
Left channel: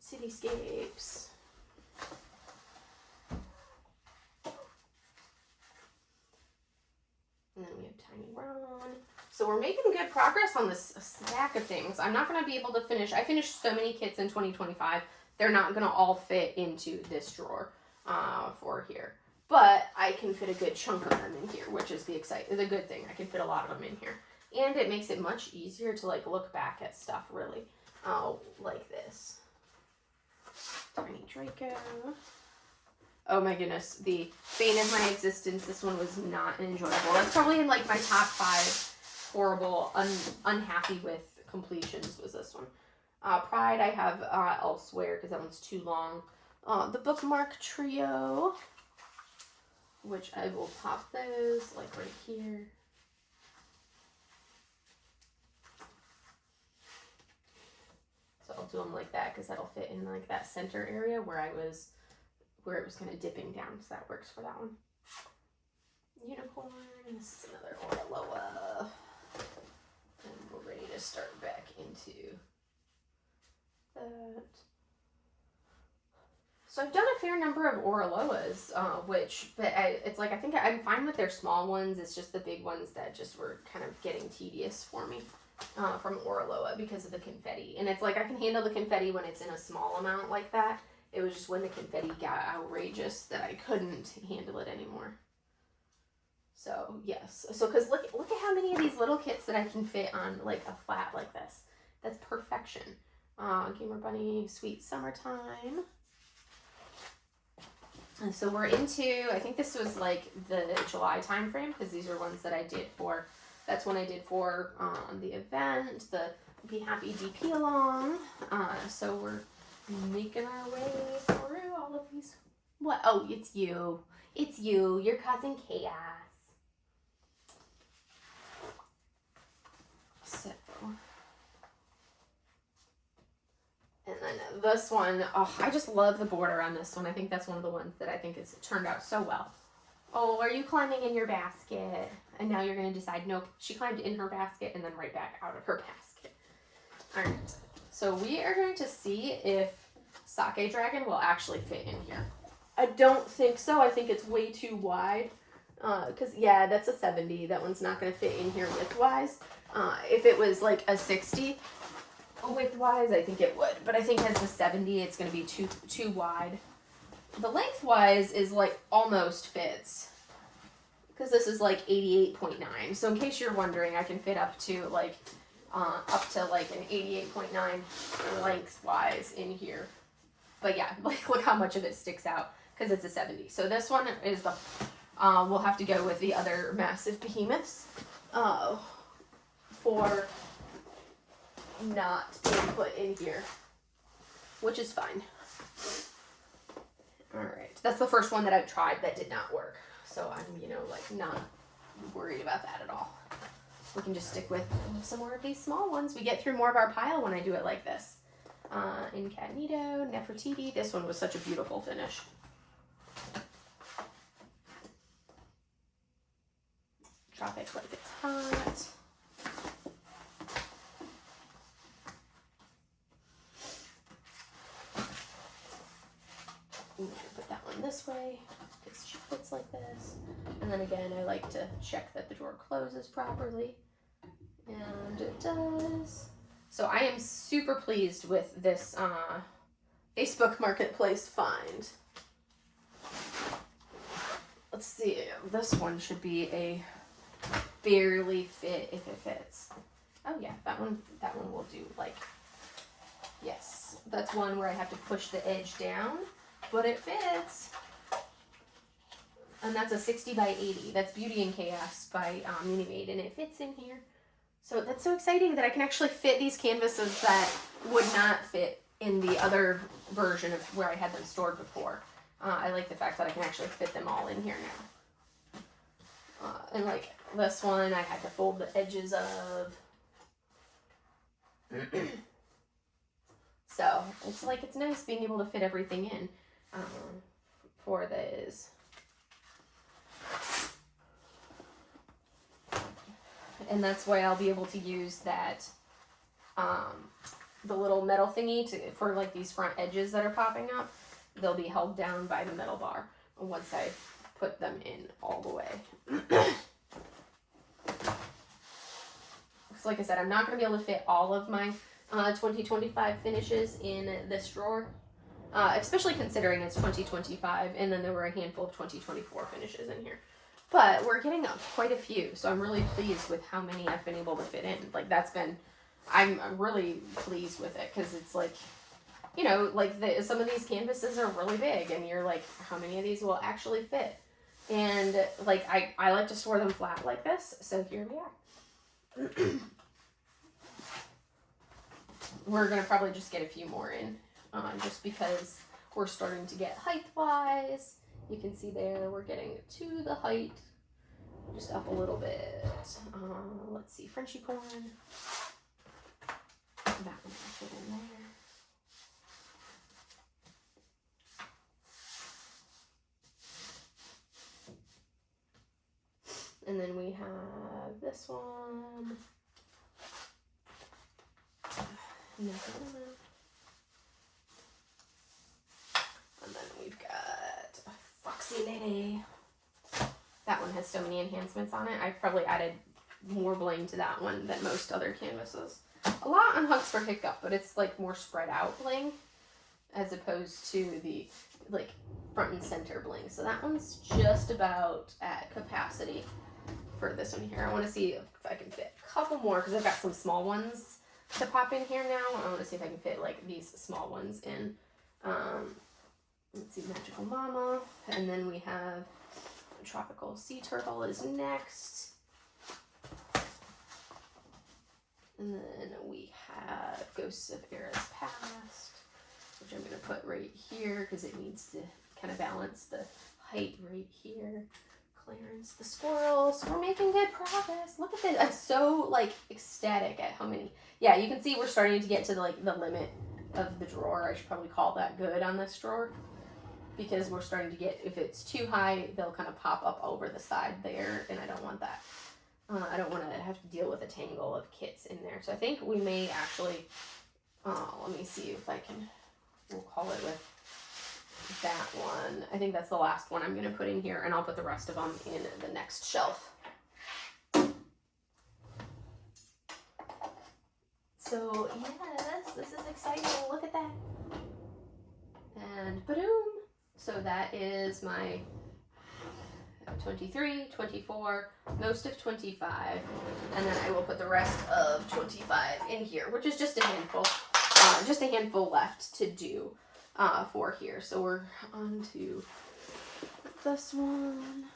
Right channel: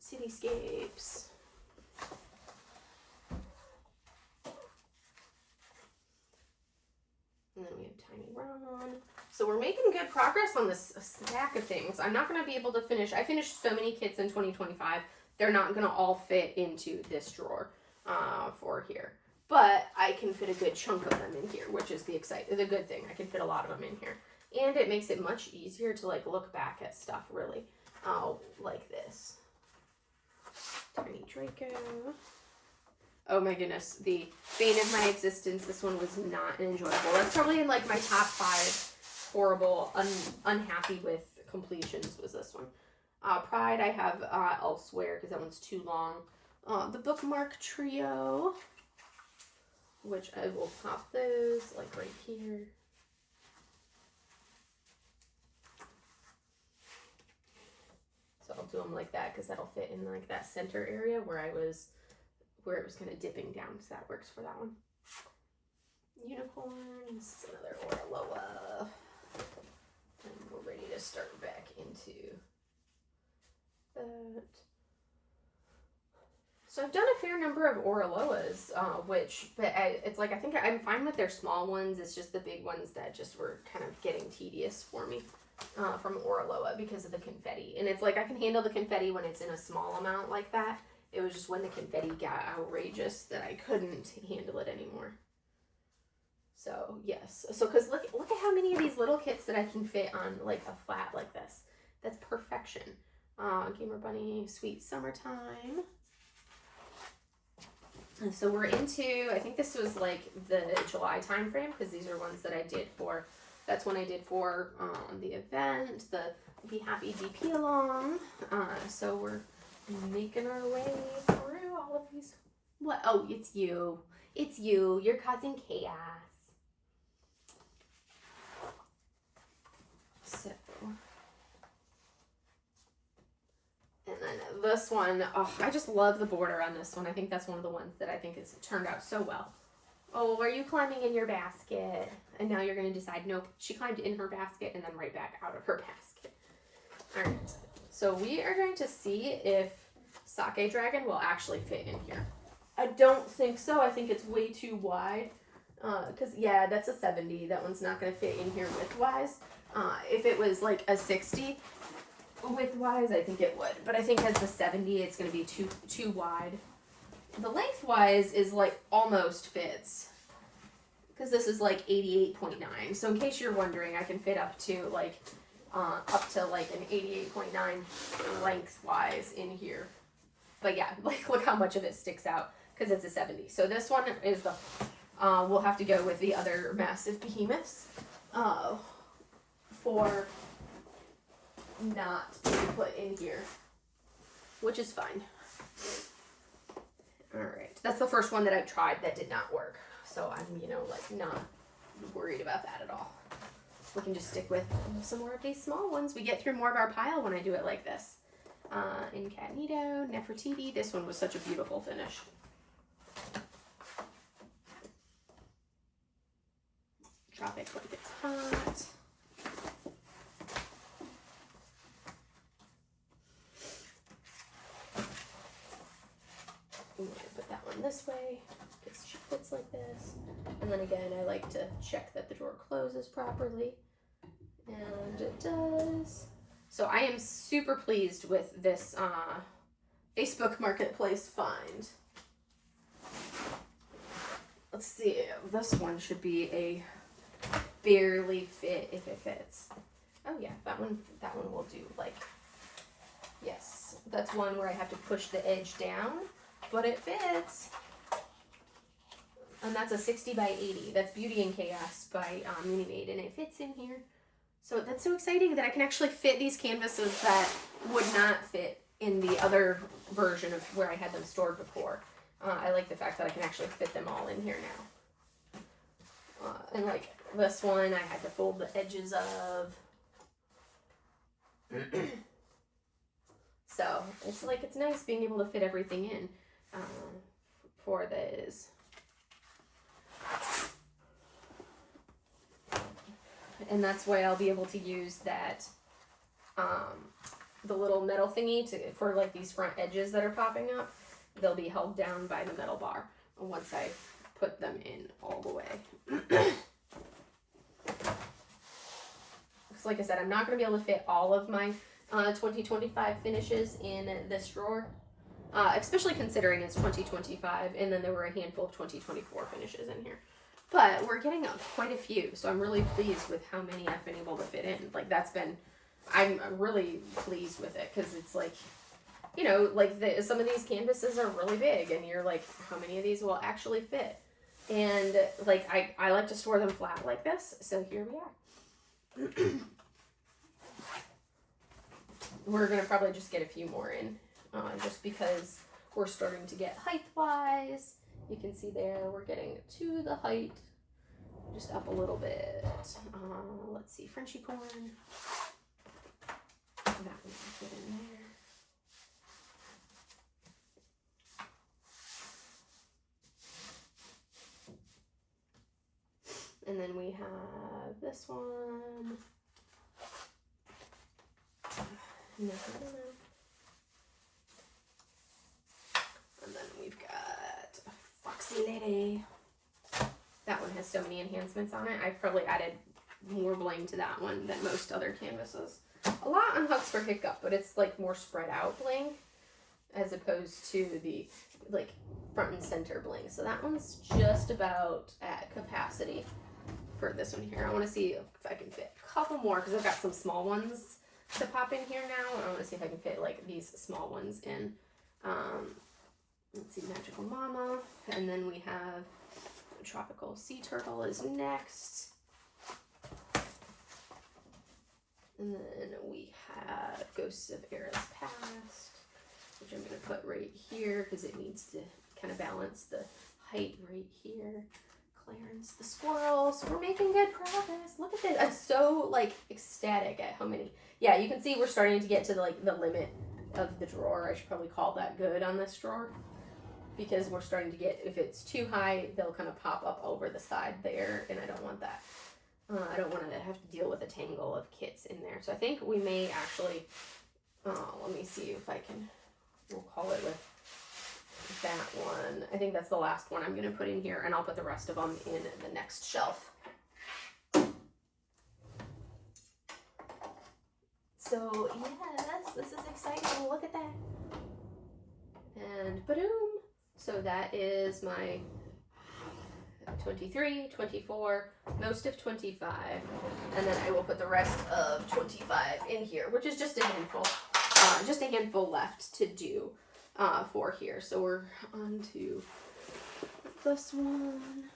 Cityscapes. And then we have Tiny Ron. So we're making good progress on this stack of things. I'm not going to be able to finish. I finished so many kits in 2025. They're not going to all fit into this drawer for here. But I can fit a good chunk of them in here, which is the good thing. I can fit a lot of them in here. And it makes it much easier to like look back at stuff really like this. Tiny Draco. Oh my goodness, the bane of my existence. This one was not enjoyable. That's probably in like my top 5 horrible, unhappy with completions was this one. Pride I have elsewhere because that one's too long. The Bookmark Trio, which I will pop those like right here. So I'll do them like that because that'll fit in like that center area where it was kind of dipping down, so that works for that one. Unicorn, this is another Oraloa. And we're ready to start back into that. So I've done a fair number of Oraloas, it's like, I think I'm fine with their small ones. It's just the big ones that just were kind of getting tedious for me from Oraloa because of the confetti. And it's like, I can handle the confetti when it's in a small amount like that. It was just when the confetti got outrageous that I couldn't handle it anymore. So, yes. So, because look at how many of these little kits that I can fit on, like, a flat like this. That's perfection. Gamer Bunny, Sweet Summertime. And so we're into, I think this was, like, the July time frame, because these are ones that I did for, that's when I did for the event, the Be Happy DP Along. So we're making our way through all of these. What? Oh, it's you. It's you. You're causing chaos. So, and then this one, oh, I just love the border on this one. I think that's one of the ones that I think has turned out so well. Oh, are you climbing in your basket? And now you're going to decide, nope, she climbed in her basket and then right back out of her basket. All right. So we are going to see if Sake Dragon will actually fit in here. I don't think so. I think it's way too wide. Because, yeah, that's a 70. That one's not going to fit in here width-wise. If it was like a 60 width-wise, I think it would. But I think as the 70, it's going to be too wide. The length-wise is like almost fits. Because this is like 88.9. So in case you're wondering, I can fit up to like an 88.9 lengthwise in here. But yeah, like look how much of it sticks out because it's a 70. So this one is the, we'll have to go with the other massive behemoths for not being put in here, which is fine. All right, that's the first one that I've tried that did not work. So I'm, like not worried about that at all. we can just stick with some more of these small ones. We get through more of our pile when I do it like this. Incognito, Nefertiti. This one was such a beautiful finish. Drop it like it's hot. I'm going to put that one this way because she fits like this. And then again, I like to check that the drawer closes properly. And it does. So I am super pleased with this Facebook Marketplace find. Let's see, this one should be a barely fit if it fits. Oh yeah, that one will do. Like, yes, that's one where I have to push the edge down, but it fits. And that's a 60 by 80. That's Beauty and Chaos by Mini Made, and it fits in here. So that's so exciting that I can actually fit these canvases that would not fit in the other version of where I had them stored before. I like the fact that I can actually fit them all in here now. And like this one, I had to fold the edges of. So it's like, it's nice being able to fit everything in for this. And that's why I'll be able to use that, the little metal thingy for like these front edges that are popping up. They'll be held down by the metal bar once I put them in all the way. So like I said, I'm not going to be able to fit all of my 2025 finishes in this drawer, especially considering it's 2025 and then there were a handful of 2024 finishes in here. But we're getting quite a few, so I'm really pleased with how many I've been able to fit in. Like, I'm really pleased with it, because it's like, you know, like some of these canvases are really big, and you're like, how many of these will actually fit? And like, I like to store them flat like this, so here we are. We're gonna probably just get a few more in, just because we're starting to get height-wise. You can see there, we're getting to the height, just up a little bit. Let's see, Frenchy corn. That one can fit in there. And then we have this one. And then we've got Foxy Lady. That one has so many enhancements on it. I've probably added more bling to that one than most other canvases. A lot on Hugs for Hiccup, but it's like more spread out bling as opposed to the like front and center bling. So that one's just about at capacity for this one here. I want to see if I can fit a couple more because I've got some small ones to pop in here now. I want to see if I can fit like these small ones in. Let's see, Magical Mama, and then we have Tropical Sea Turtle is next. And then we have Ghosts of Eras Past, which I'm going to put right here because it needs to kind of balance the height right here. Clarence the Squirrel. So we're making good progress. Look at this. I'm so like ecstatic at how many. Yeah, you can see we're starting to get to the limit of the drawer. I should probably call that good on this drawer, because we're starting to get, if it's too high, they'll kind of pop up over the side there, and I don't want that. I don't want to have to deal with a tangle of kits in there. So I think we may actually, let me see if I can, we'll call it with that one. I think that's the last one I'm going to put in here, and I'll put the rest of them in the next shelf. So yes, this is exciting. Look at that. And ba-doom. So that is my 23, 24, most of 25, and then I will put the rest of 25 in here, which is just a handful left to do for here. So we're on to this one.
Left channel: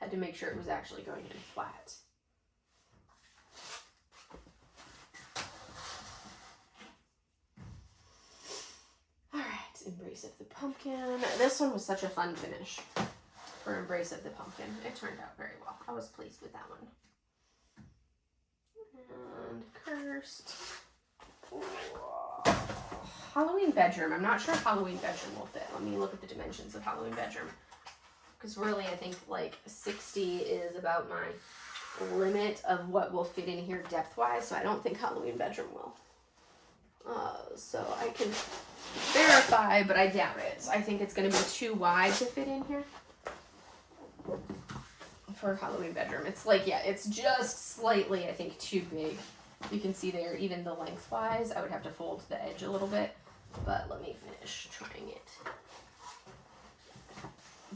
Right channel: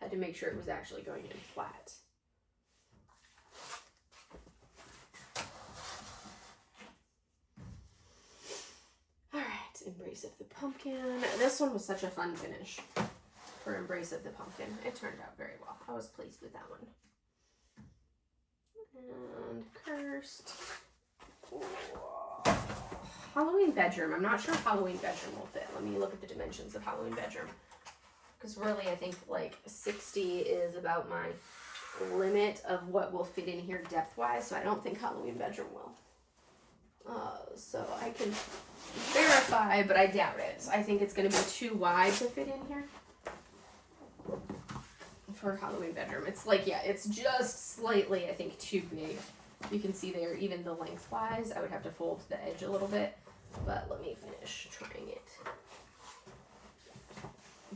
Had to make sure it was actually going in flat. All right, embrace Embrace of the Pumpkin. This one was such a fun finish for Embrace of the Pumpkin. It turned out very well. I was pleased with that one. And Cursed. Ooh. Halloween Bedroom. I'm not sure if Halloween Bedroom will fit. Let me look at the dimensions of Halloween Bedroom. Because really, I think like 60 is about my limit of what will fit in here depth-wise. So I don't think Halloween Bedroom will. So I can verify, but I doubt it. I think it's going to be too wide to fit in here for Halloween Bedroom. It's like, yeah, it's just slightly, I think, too big. You can see there, even the lengthwise, I would have to fold the edge a little bit, but let me finish trying it.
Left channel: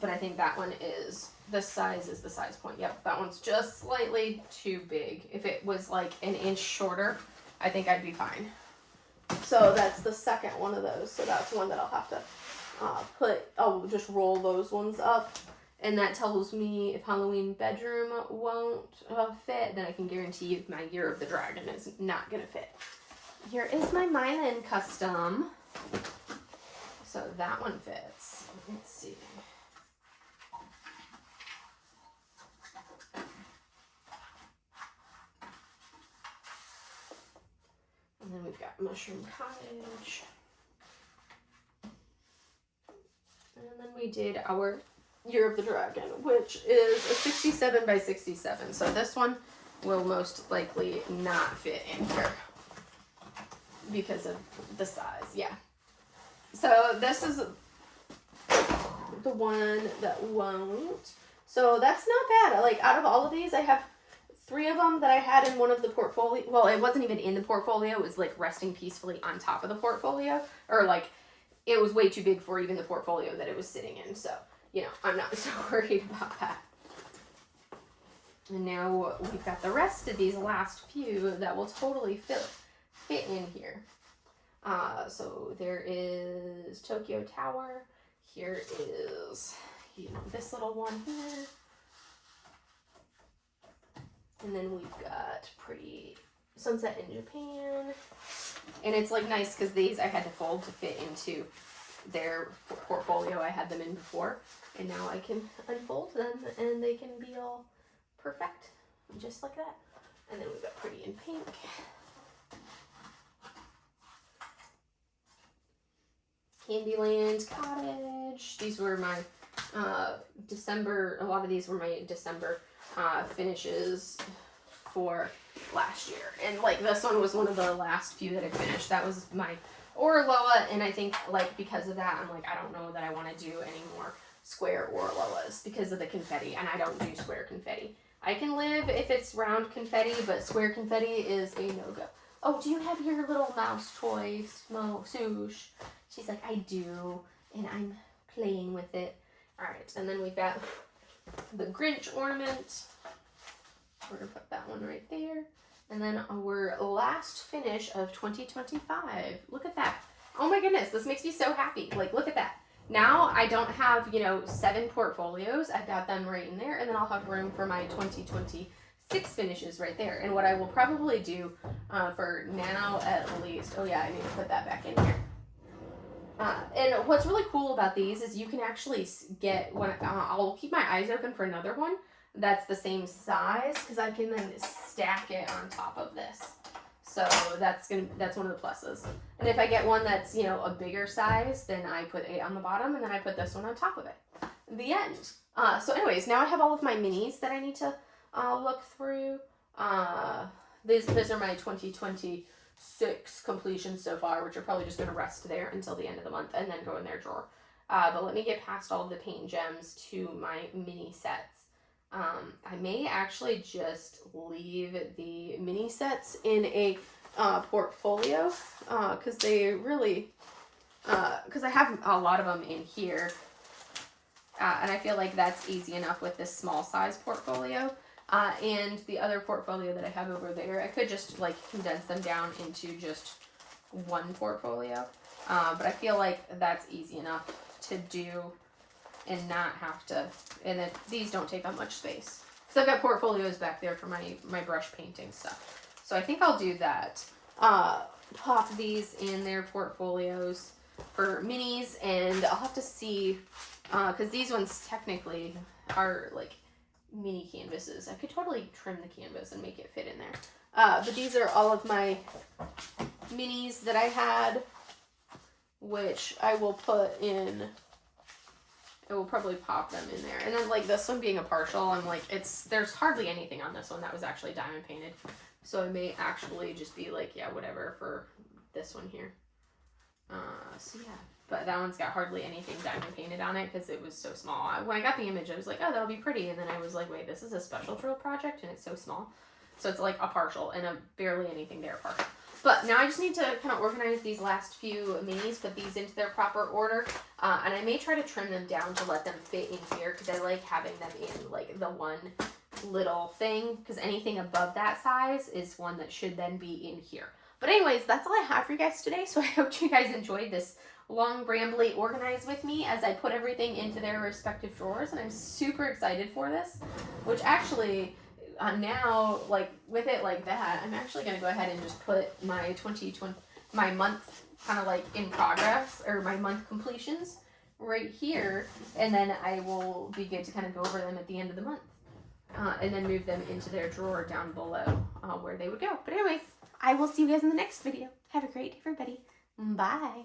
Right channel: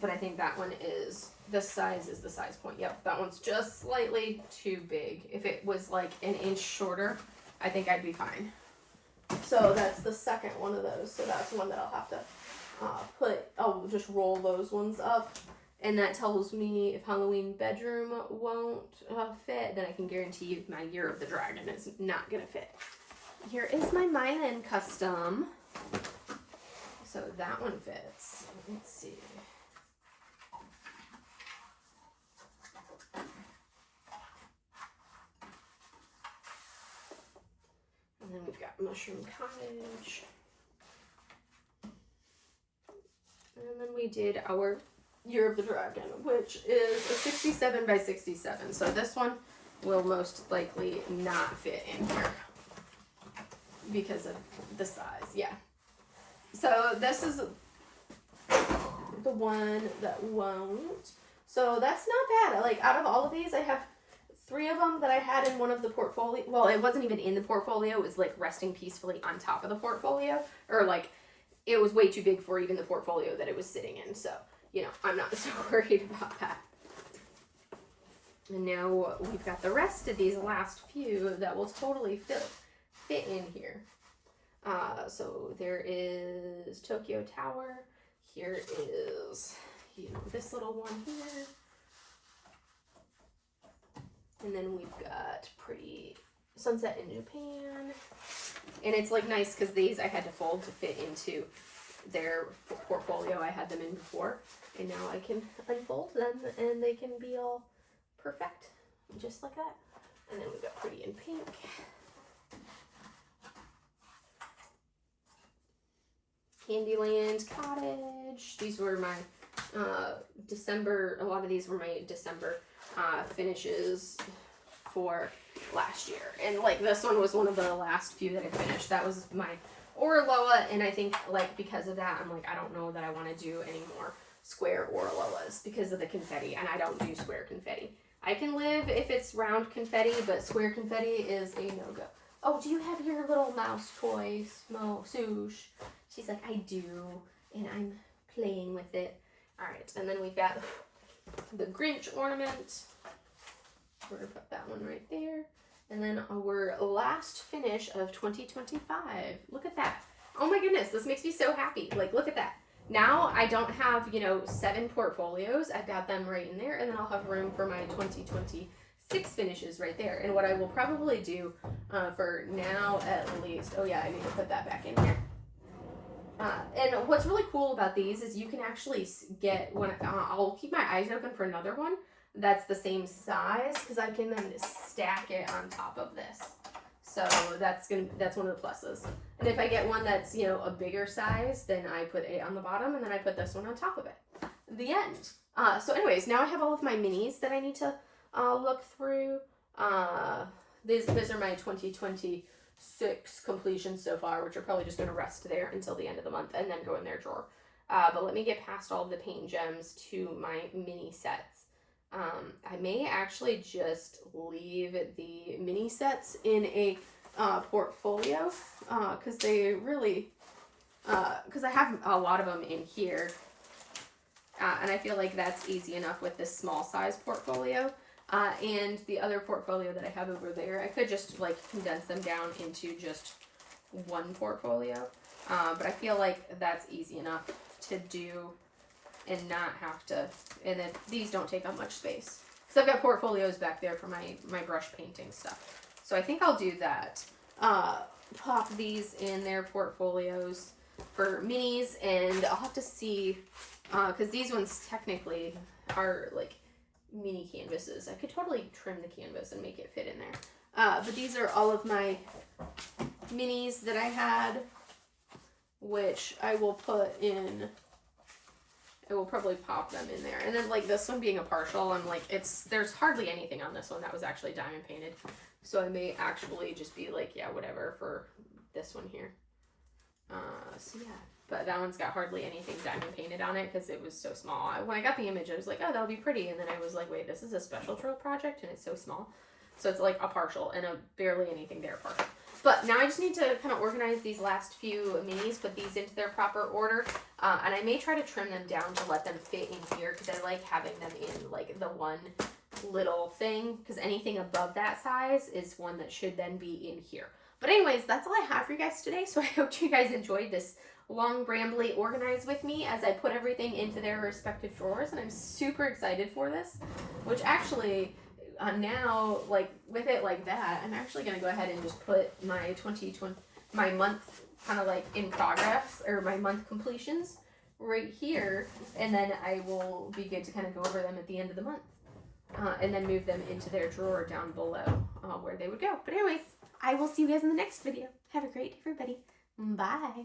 But I think that one is, the size is the size point. Yep, that one's just slightly too big. If it was like an inch shorter, I think I'd be fine. So that's the second one of those. So that's one that I'll have to I'll just roll those ones up. And that tells me if Halloween Bedroom won't fit, then I can guarantee you my Year of the Dragon is not going to fit. Here is my Mylan custom. So that one fits. Let's see. And then we've got Mushroom Cottage. And then we did our Year of the Dragon, which is a 67 by 67. So this one will most likely not fit in here because of the size. Yeah. So this is the one that won't. So that's not bad. Like, out of all of these, I have 3 of them that I had in one of the portfolio. Well, it wasn't even in the portfolio. It was like resting peacefully on top of the portfolio. Or like, it was way too big for even the portfolio that it was sitting in. So, you know, I'm not so worried about that. And now we've got the rest of these last few that will totally fit in here. So there is Tokyo Tower. Here is, you know, this little one here. And then we've got Pretty Sunset in Japan. And it's like nice because these I had to fold to fit into their portfolio I had them in before. And now I can unfold them and they can be all perfect, just like that. And then we've got Pretty in Pink. Candyland Cottage. These were my December, a lot of these were my December finishes for last year. And like this one was one of the last few that I finished. That was my Orloa, and I think like because of that, I'm like, I don't know that I want to do any more square Orloas because of the confetti, and I don't do square confetti. I can live if it's round confetti, but square confetti is a no-go. Oh, do you have your little mouse toy, Swoosh? She's like, I do, and I'm playing with it. All right, and then we've got the Grinch ornament. We're gonna put that one right there. And then our last finish of 2025. Look at that. Oh my goodness, this makes me so happy. Like, look at that. Now I don't have, you know, 7 portfolios. I've got them right in there, and then I'll have room for my 2026 finishes right there. And what I will probably do for now at least, oh yeah, I need to put that back in here. And what's really cool about these is you can actually get, when I'll keep my eyes open for another one that's the same size, because I can then stack it on top of this. So that's one of the pluses. And if I get one that's, you know, a bigger size, then I put it on the bottom, and then I put this one on top of it. The end. So anyways, now I have all of my minis that I need to look through. These are my 2026 completions so far, which are probably just going to rest there until the end of the month and then go in their drawer. But let me get past all of the paint gems to my mini sets. I may actually just leave the mini sets in a portfolio because they really, because I have a lot of them in here, and I feel like that's easy enough with this small size portfolio. And the other portfolio that I have over there, I could just like condense them down into just one portfolio, but I feel like that's easy enough to do and not have to, and these don't take up much space. So I've got portfolios back there for my brush painting stuff. So I think I'll do that. Pop these in their portfolios. for minis, and I'll have to see, because these ones technically are like mini canvases. I could totally trim the canvas and make it fit in there. But these are all of my minis that I had, which I will put in, I will probably pop them in there. And then like this one being a partial, I'm like, there's hardly anything on this one that was actually diamond painted. So I may actually just be like, yeah, whatever for this one here. So yeah, but that one's got hardly anything diamond painted on it because it was so small. When I got the image, I was like, oh, that'll be pretty. And then I was like, wait, this is a special throw project and it's so small. So it's like a partial and a barely anything there partial. But now I just need to kind of organize these last few minis, put these into their proper order. And I may try to trim them down to let them fit in here because I like having them in like the one little thing, because anything above that size is one that should then be in here. But anyways, that's all I have for you guys today. So I hope you guys enjoyed this long, brambly organize with me as I put everything into their respective drawers. And I'm super excited for this, which actually now, like with it like that, I'm actually going to go ahead and just put my my month kind of like in progress, or my month completions right here. And then I will be good to kind of go over them at the end of the month. And then move them into their drawer down below where they would go. But anyways, I will see you guys in the next video. Have a great day, everybody. Bye.